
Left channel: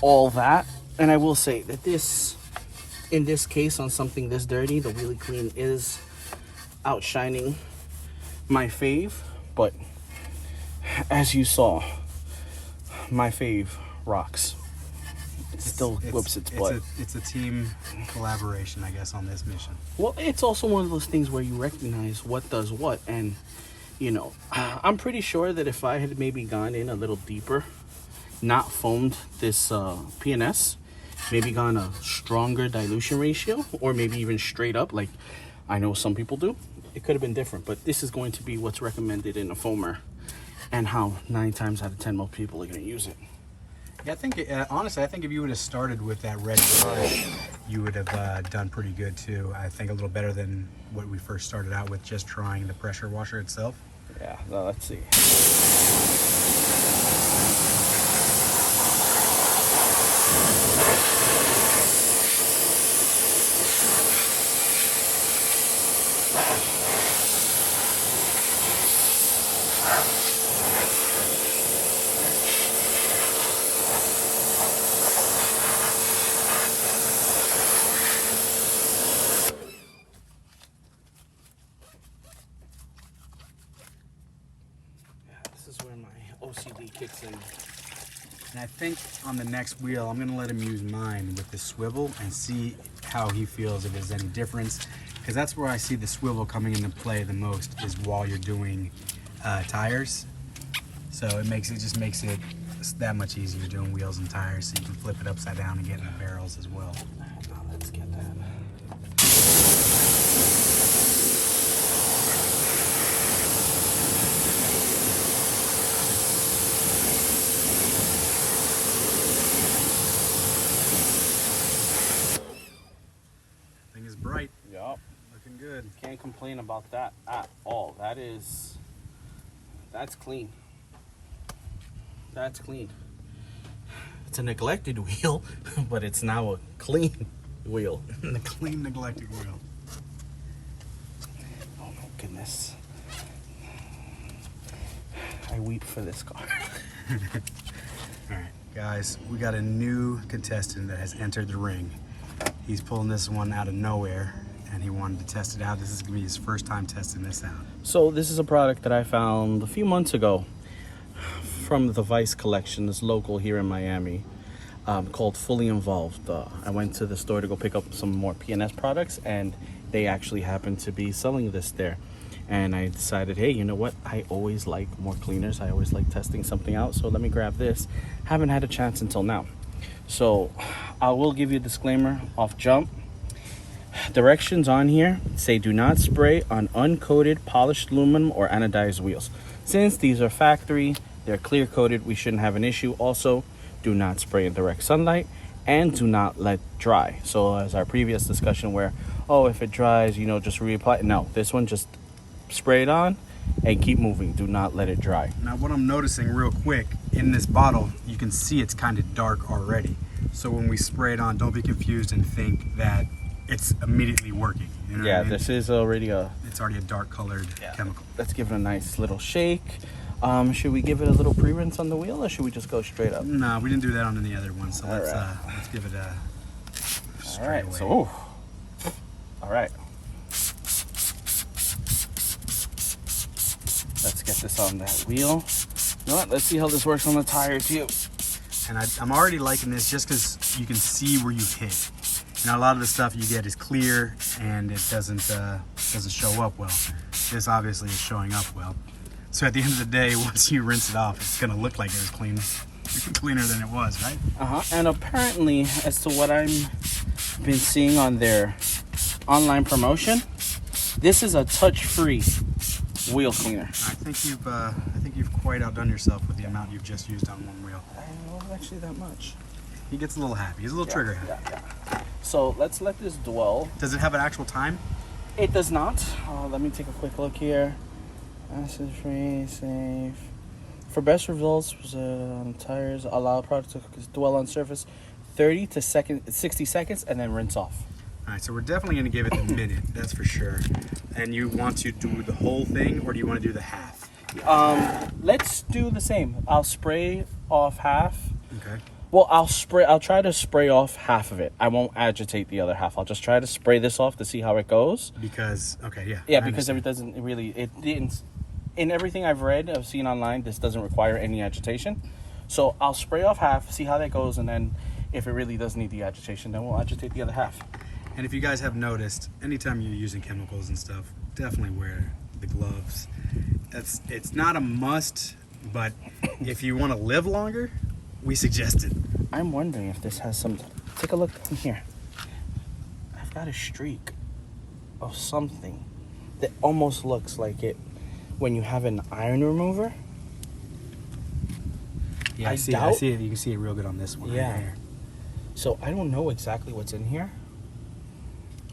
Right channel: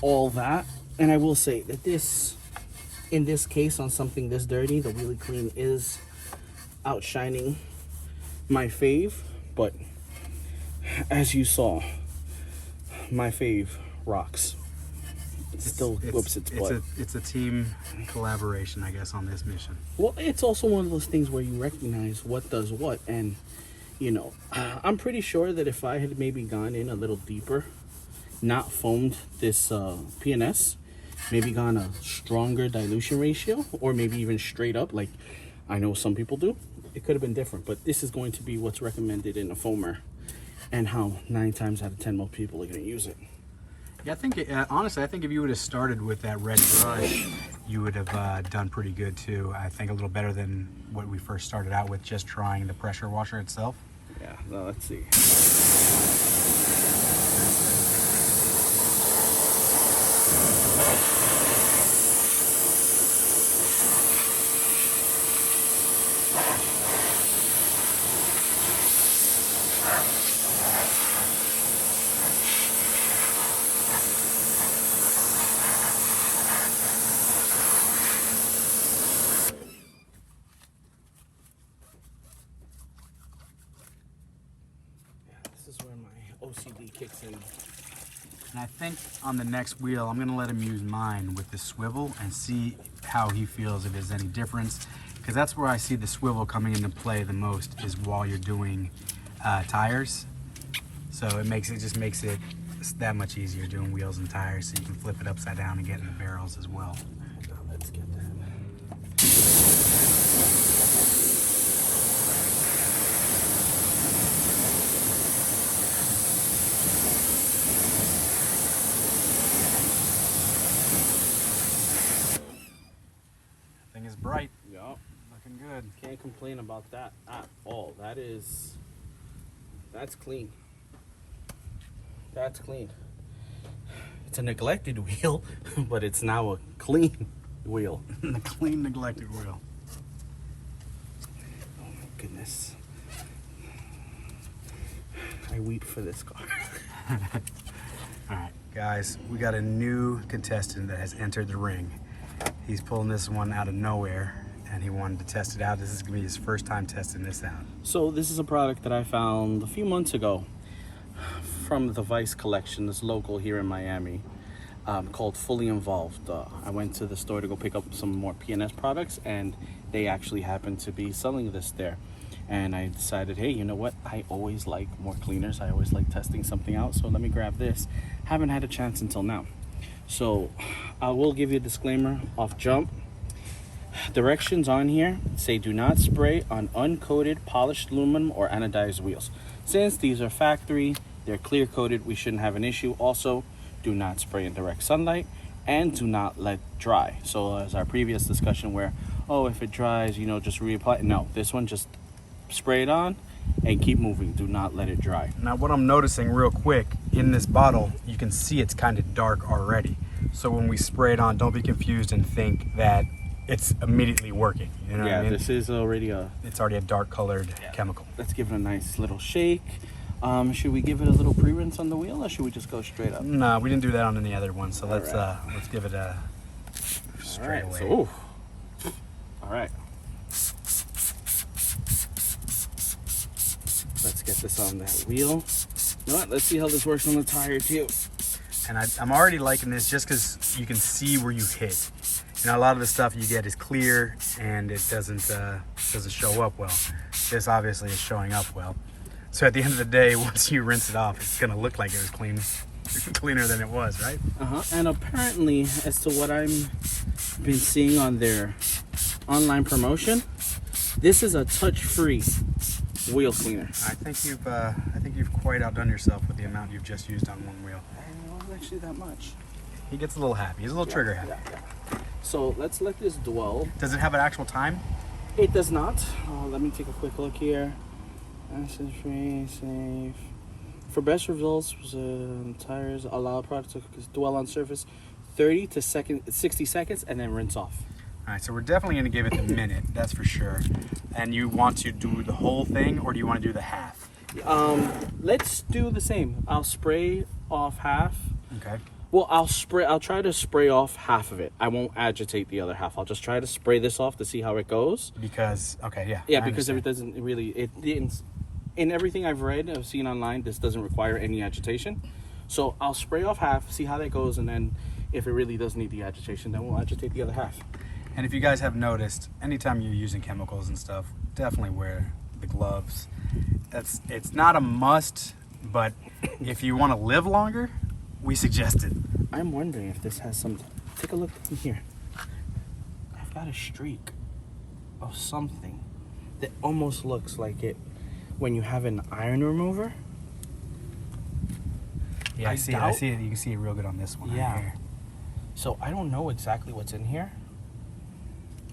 all that, and I will say that this, in this case, on something this dirty, the Wheelie Clean is outshining my fave, but as you saw, my fave rocks. It still whoops its butt. It's a team collaboration, I guess, on this mission. Well, it's also one of those things where you recognize what does what, and you know, I'm pretty sure that if I had maybe gone in a little deeper, not foamed this P&S, maybe gone a stronger dilution ratio, or maybe even straight up, like I know some people do, it could have been different. But this is going to be what's recommended in a foamer, and how 9 times out of 10 most people are going to use it. Yeah, I think, honestly, I think if you would have started with that red brush, you would have done pretty good too. I think a little better than what we first started out with, just trying the pressure washer itself. Yeah, well, let's see. This is where my OCD kicks in. And I think on the next wheel, I'm gonna let him use mine with the swivel and see how he feels, if there's any difference. Because that's where I see the swivel coming into play the most, is while you're doing tires. So it just makes it that much easier doing wheels and tires, so you can flip it upside down and get in the barrels as well. Now let's get that. Thing is bright, Yup. looking good. Can't complain about that at all. That's clean. That's clean. It's a neglected wheel, but it's now a clean wheel. The clean, neglected wheel. Oh my goodness. I weep for this car. All right, guys, we got a new contestant that has entered the ring. He's pulling this one out of nowhere, and he wanted to test it out. This is gonna be his first time testing this out. So this is a product that I found a few months ago from the Vice collection, this local here in Miami, called Fully Involved. I went to the store to go pick up some more P&S products, and they actually happened to be selling this there. And I decided, hey, you know what? I always like more cleaners. I always like testing something out, so let me grab this. Haven't had a chance until now. So I will give you a disclaimer off jump. Directions on here say do not spray on uncoated polished aluminum or anodized wheels. Since these are factory, they're clear coated, we shouldn't have an issue. Also, do not spray in direct sunlight, and do not let dry. So as our previous discussion where, oh, if it dries, you know, just reapply. No, this one, just spray it on and keep moving. Do not let it dry. Now what I'm noticing real quick, in this bottle, you can see it's kind of dark already. So when we spray it on, don't be confused and think that it's immediately working. You know what I mean? This is already It's already a dark colored chemical. Let's give it a nice little shake. Should we give it a little pre-rinse on the wheel, or should we just go straight up? No, we didn't do that on any other one, so let's give it a straight away. So, all right. Let's get this on that wheel. Well, let's see how this works on the tire too. And I'm already liking this just because you can see where you hit. You know, a lot of the stuff you get is clear and it doesn't show up well. This obviously is showing up well. So at the end of the day, once you rinse it off, it's gonna look like it was cleaner than it was, right? And apparently, as to what I'm been seeing on their online promotion, this is a touch-free wheel cleaner. I think you've quite outdone yourself with the amount you've just used on one wheel. I don't know actually that much. He gets a little happy. He's a little trigger happy. So let's let this dwell. Does it have an actual time? It does not. Let me take a quick look here. Acid free, safe. For best results, tires allow product to dwell on surface 30 to 60 seconds and then rinse off. All right, so we're definitely going to give it a minute, that's for sure. And you want to do the whole thing, or do you want to do the half? Let's do the same. I'll spray off half. Okay. Well, I'll try to spray off half of it. I won't agitate the other half. I'll just try to spray this off to see how it goes. Because, okay, yeah. Yeah, because it doesn't really, in everything I've seen online, this doesn't require any agitation. So I'll spray off half, see how that goes, and then if it really does need the agitation, then we'll agitate the other half. And if you guys have noticed, anytime you're using chemicals and stuff, definitely wear the gloves. It's not a must, but if you want to live longer, we suggest it. I'm wondering if this has some. Take a look in here. I've got a streak of something that almost looks like it when you have an iron remover. Yeah, I see it. You can see it real good on this one. Yeah. Right here. So I don't know exactly what's in here,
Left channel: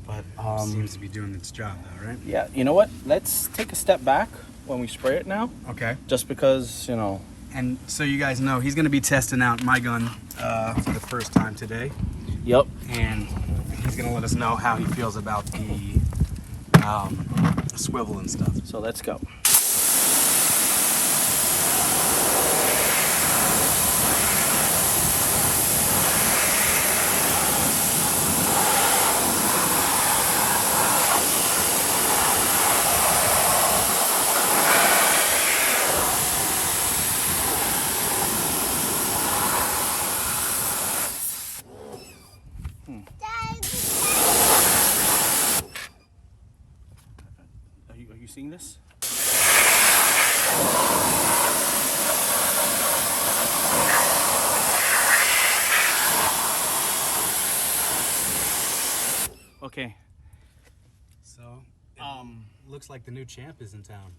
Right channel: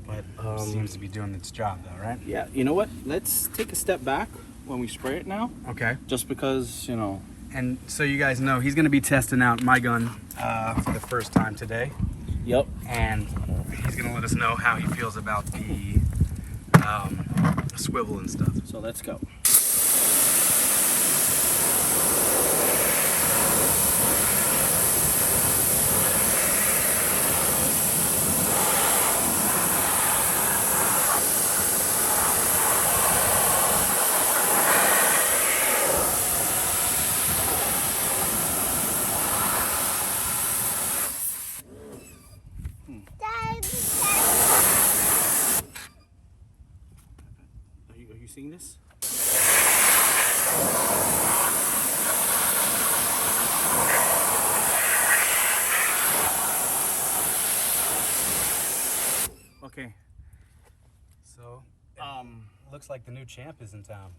but seems to be doing its job though, right? Yeah. You know what? Let's take a step back when we spray it now. Okay. Just because, you know. And so you guys know, he's going to be testing out my gun for the first time today. Yep. And he's going to let us know how he feels about the swivel and stuff. So let's go. Are you seeing this? Okay. So, looks like the new champ is in town.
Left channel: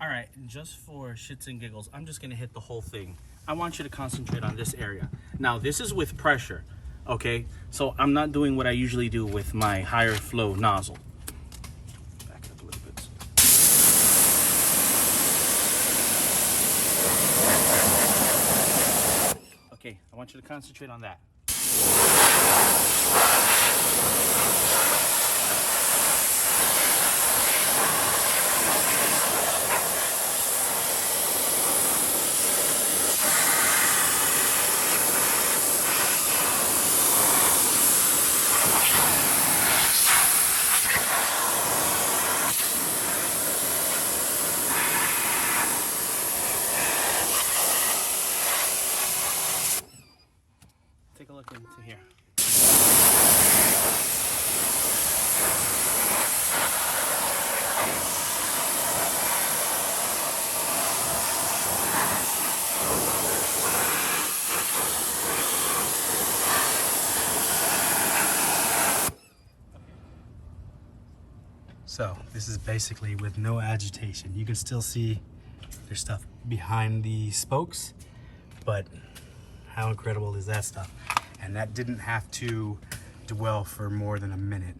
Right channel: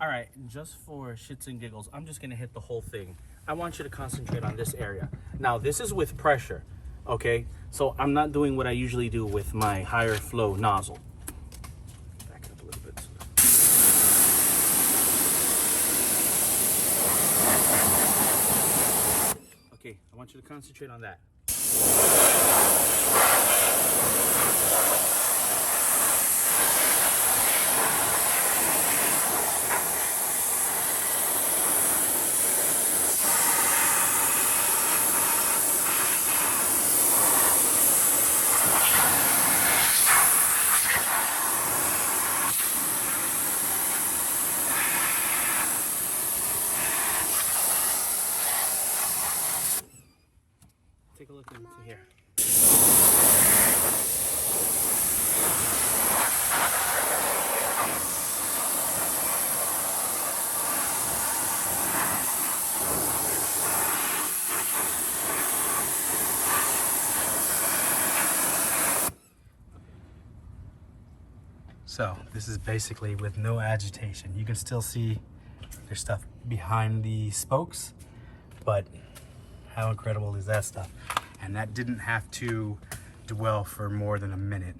All right, just for shits and giggles, I'm just gonna hit the whole thing. I want you to concentrate on this area. Now, this is with pressure, okay? So I'm not doing what I usually do with my higher flow nozzle. Back it up a little bit. Okay, I want you to concentrate on that. Take a look into here. So this is basically with no agitation. You can still see there's stuff behind the spokes, but how incredible is that stuff? And that didn't have to dwell for more than a minute.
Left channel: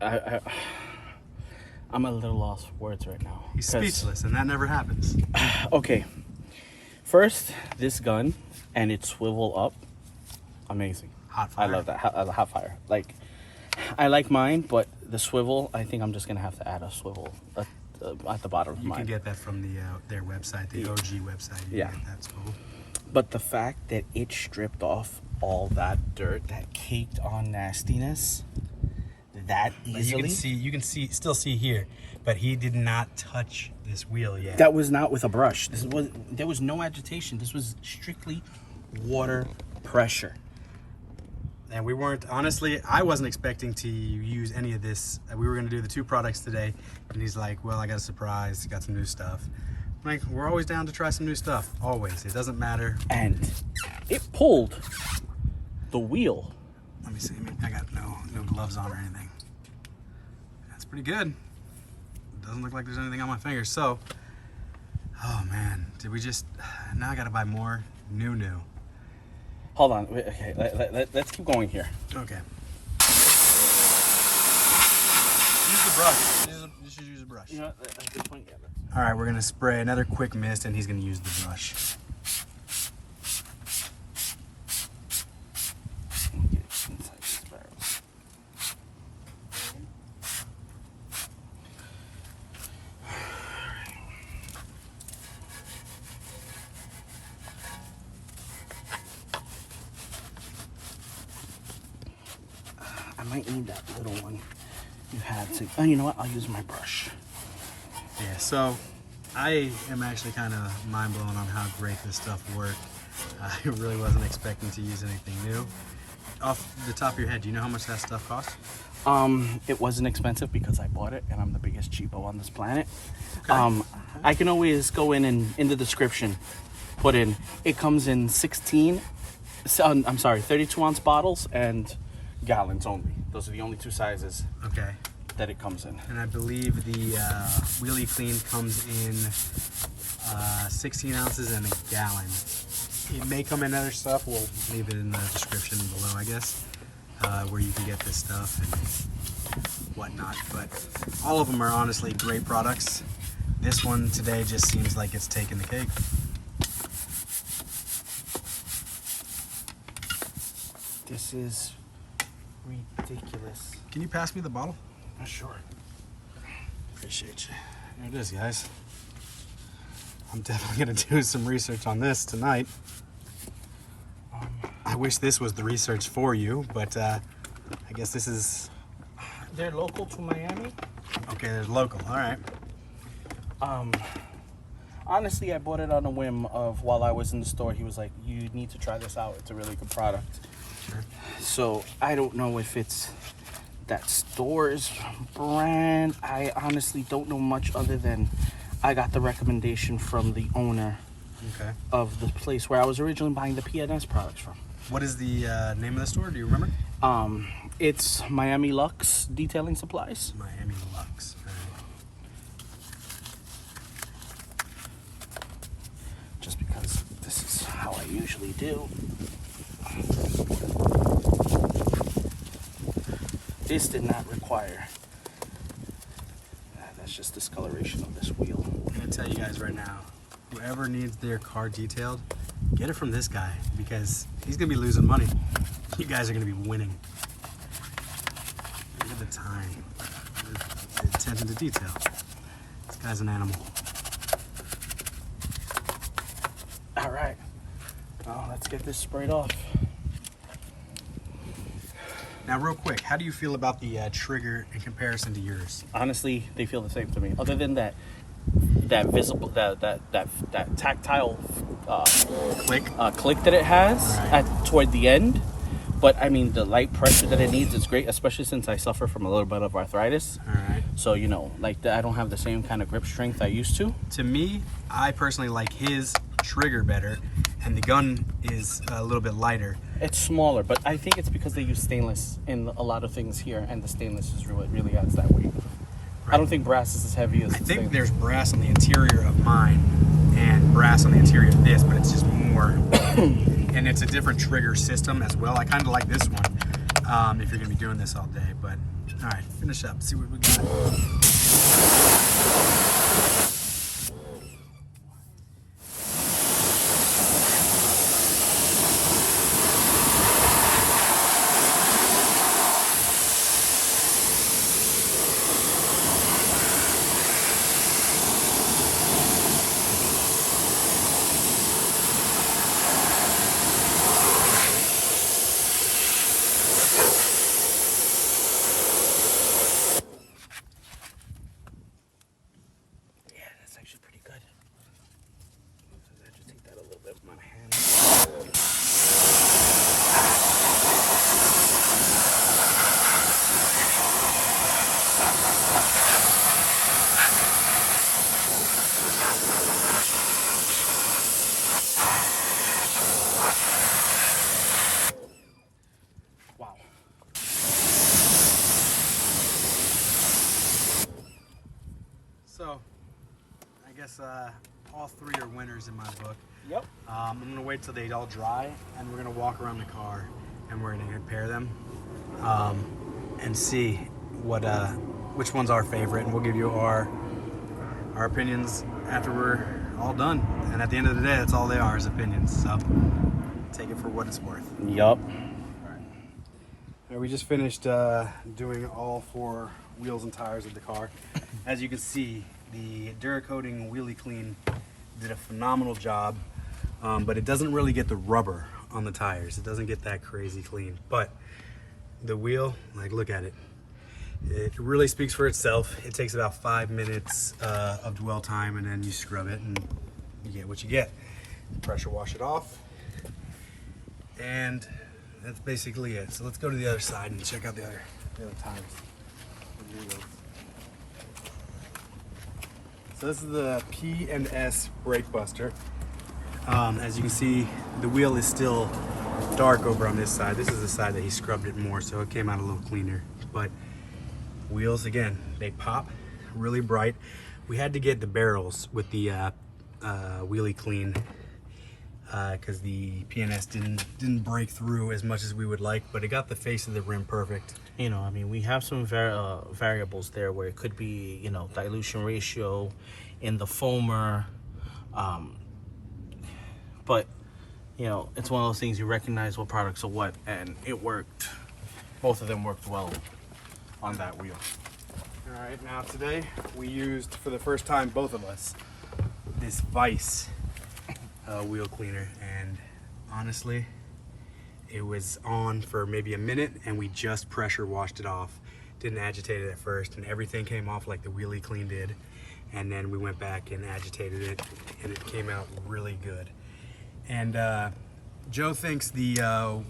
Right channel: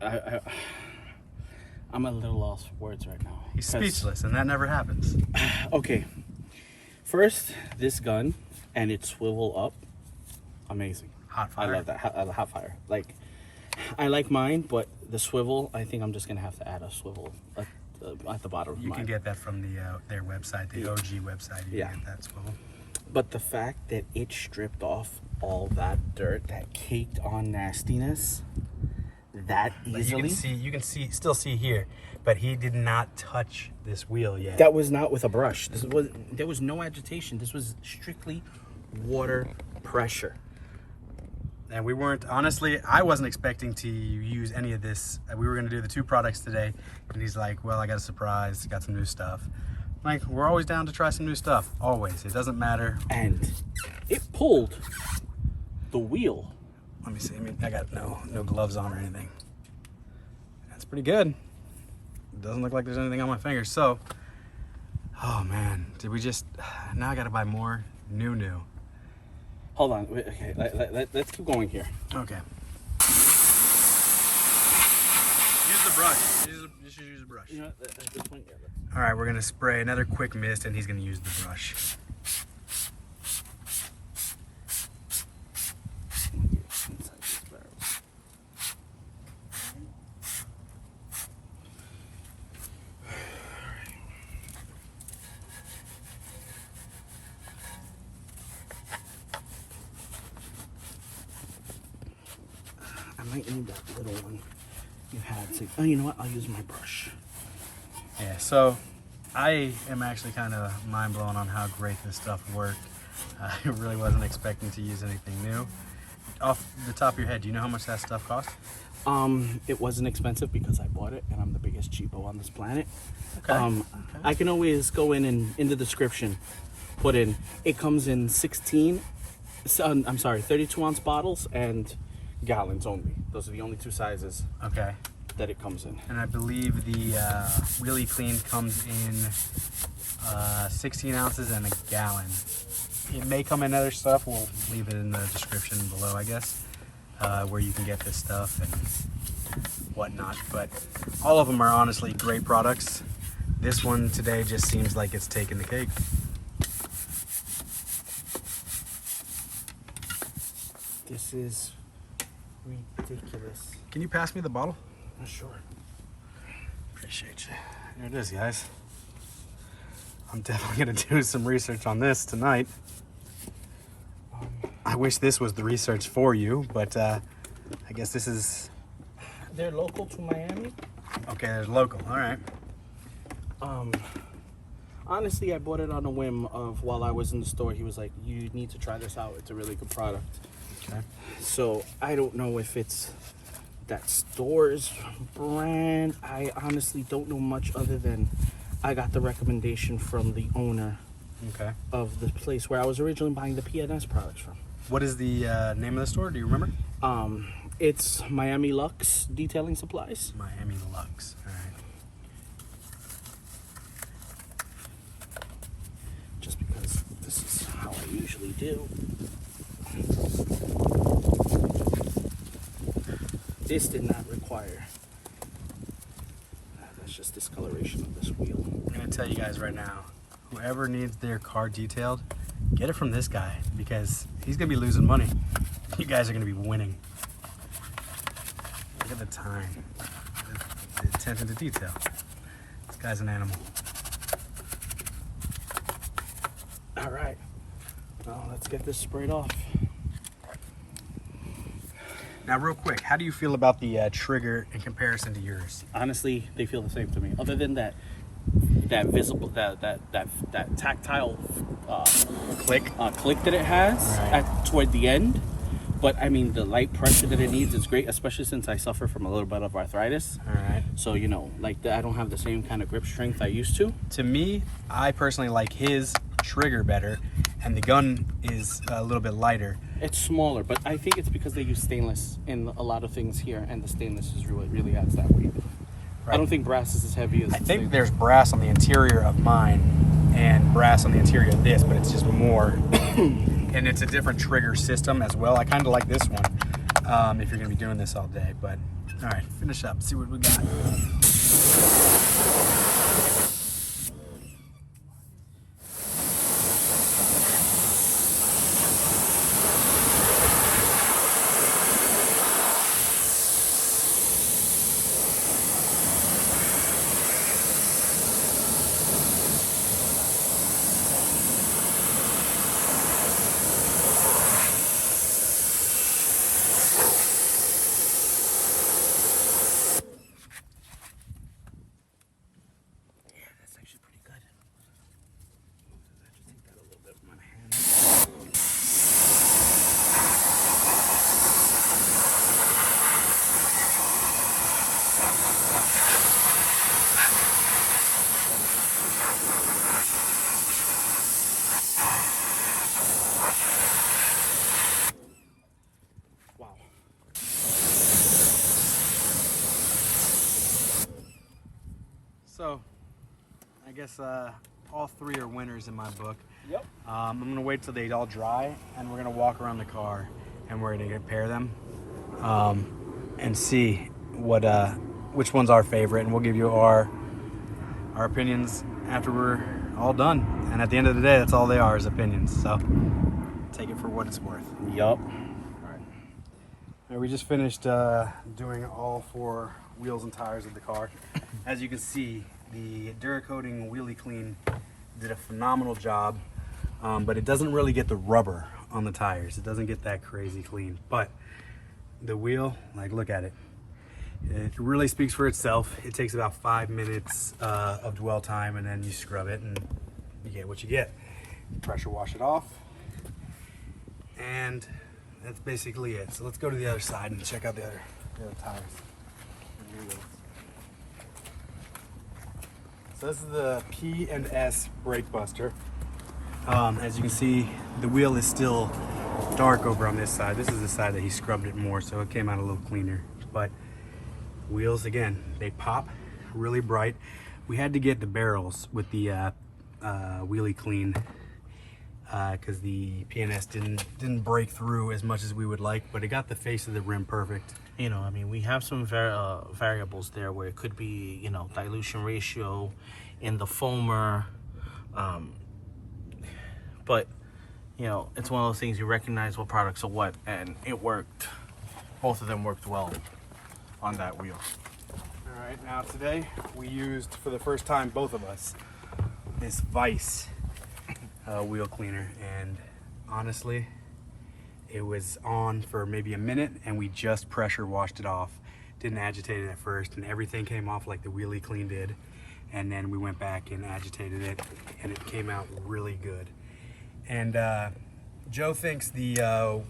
I'm a little lost for words right now. He's speechless, and that never happens. Okay, first, this gun and its swivel up, amazing. Hot fire. I love that, hot fire. Like, I like mine, but the swivel, I think I'm just gonna have to add a swivel at the bottom of You mine. can get that from their website, the OG website. You can get that swivel. But the fact that it stripped off all that dirt, that caked on nastiness, that easily. You can still see here, but he did not touch this wheel yet. That was not with a brush. There was no agitation. This was strictly water pressure. And we weren't, honestly, I wasn't expecting to use any of this. We were gonna do the 2 products today, and he's like, well, I got a surprise, got some new stuff. I'm like, we're always down to try some new stuff, always. It doesn't matter. And it pulled the wheel. Let me see, I got no gloves on or anything. That's pretty good. Doesn't look like there's anything on my fingers. So, oh man, now I gotta buy more new. Hold on, okay, let's keep going here. Okay. Use the brush. Just use the brush. You know, at this point, yeah. All right, we're gonna spray another quick mist, and he's gonna use the brush. Inside these barrels. I might need that little one you had to. Oh, you know what? I'll use my brush. Yeah, so I am actually kind of mind blown on how great this stuff worked. I really wasn't expecting to use anything new. Off the top of your head, do you know how much that stuff cost? It wasn't expensive because I bought it, and I'm the biggest cheapo on this planet. Okay. I can always go in the description, put in. It comes in 32 ounce bottles and gallons only. Those are the only 2 sizes Okay. that it comes in. And I believe the Wheelie Clean comes in 16 ounces and a gallon. It may come in other stuff. We'll leave it in the description below, I guess, where you can get this stuff and whatnot. But all of them are honestly great products. This one today just seems like it's taking the cake. This is ridiculous. Can you pass me the bottle? Sure. Appreciate you. Here it is, guys. I'm definitely gonna do some research on this tonight. I wish this was the research for you, but I guess this is... They're local to Miami. Okay, there's local, all right. Honestly, I bought it on a whim of while I was in the store. He was like, you need to try this out. It's a really good product. Okay. So I don't know if it's that store's brand. I honestly don't know much other than I got the recommendation from the owner of the place where I was originally buying the P&S products from. What is the name of the store? Do you remember? It's Miami Lux Detailing Supplies. Miami Lux. All right. Just because this is how I usually do. This did not require. That's just discoloration of this wheel. I'm gonna tell you guys right now, whoever needs their car detailed, get it from this guy because he's gonna be losing money. You guys are gonna be winning. Look at the time, the attention to detail. This guy's an animal. All right, well, let's get this sprayed off. Now, real quick, how do you feel about the trigger in comparison to yours? Honestly, they feel the same to me. Other than that visible, that tactile Click. click that it has toward the end. But I mean, the light pressure that it needs is great, especially since I suffer from a little bit of arthritis. All right. So you know, like I don't have the same kind of grip strength I used to. To me, I personally like his trigger better, and the gun is a little bit lighter. It's smaller, but I think it's because they use stainless in a lot of things here, and the stainless is really adds that weight. Right. I don't think brass is as heavy as I think there's brass on the interior of mine and brass on the interior of this, but it's just more, and it's a different trigger system as well. I kind of like this one if you're gonna be doing this all day, but all right, finish up, see what we got. That's actually pretty good. I just take that a little bit with my hand. Wow. So, I guess all three are winners in my book. Yep. I'm gonna wait till they all dry, and we're gonna walk around the car, and we're gonna compare them, and see what which one's our favorite, and we'll give you our opinions after we're all done. And at the end of the day, that's all they are, is opinions. So take it for what it's worth. Yup. All right. We just finished doing all 4 wheels and tires of the car. As you can see, the Duracoating Wheelie Clean did a phenomenal job, but it doesn't really get the rubber on the tires. It doesn't get that crazy clean. But the wheel, like, look at it. It really speaks for itself. It takes about 5 minutes of dwell time, and then you scrub it and you get what you get. Pressure wash it off, and that's basically it. So let's go to the other side and check out the other tires. The wheels. So this is the P&S Brake Buster. As you can see, the wheel is still dark over on this side. This is the side that he scrubbed it more, so it came out a little cleaner. But wheels, again, they pop really bright. We had to get the barrels with the Wheelie Clean because the P&S didn't break through as much as we would like, but it got the face of the rim perfect. You know, I mean, we have some variables there where it could be, you know, dilution ratio in the foamer. But, you know, it's one of those things you recognize what products are what, and it worked. Both of them worked well on that wheel. All right, now today we used, for the first time, both of us, this Vice wheel cleaner, and honestly, it was on for maybe a minute, and we just pressure washed it off. Didn't agitate it at first, and everything came off like the Wheelie Clean did. And then we went back and agitated it, and it came out really good. And Joe thinks the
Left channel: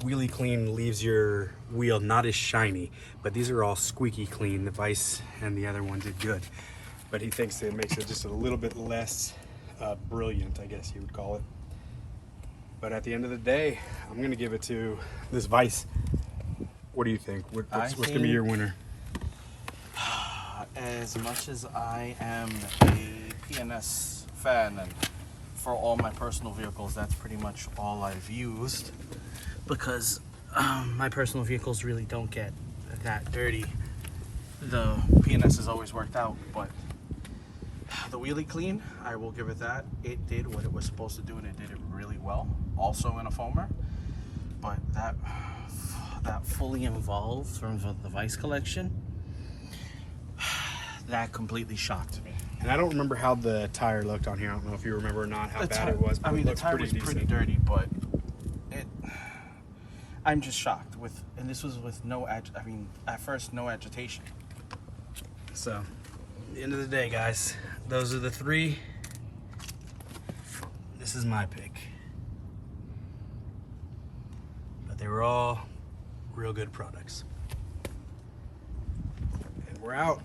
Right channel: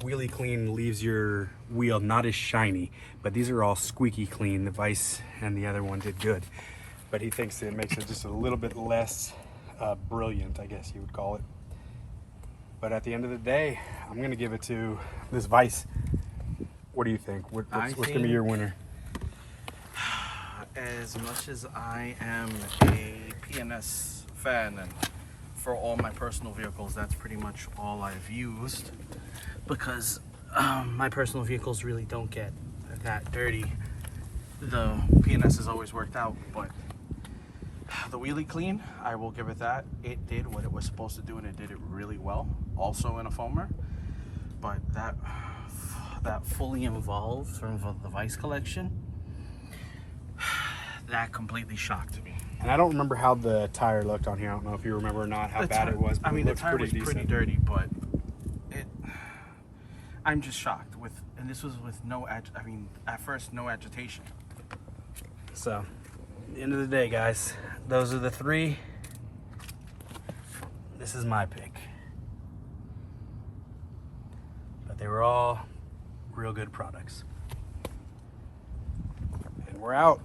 Wheelie Clean leaves your wheel not as shiny, but these are all squeaky clean. The Vice and the other one did good, but he thinks it makes it just a little bit less brilliant, I guess you would call it. But at the end of the day, I'm gonna give it to this Vice. What do you think? What's gonna be your winner? As much as I am a P&S fan, and for all my personal vehicles, that's pretty much all I've used, because my personal vehicles really don't get that dirty. The P&S has always worked out, but the Wheelie Clean, I will give it that. It did what it was supposed to do, and it did it really well, also in a foamer. But that fully involved from the Vice collection, that completely shocked me. And I don't remember how the tire looked on here. I don't know if you remember or not how bad it was. I mean, the tire was decent. pretty dirty, but I'm just shocked with, and this was with no, at first, no agitation. So, at the end of the day, guys, those are the 3. This is my pick. But they were all real good products. And we're out.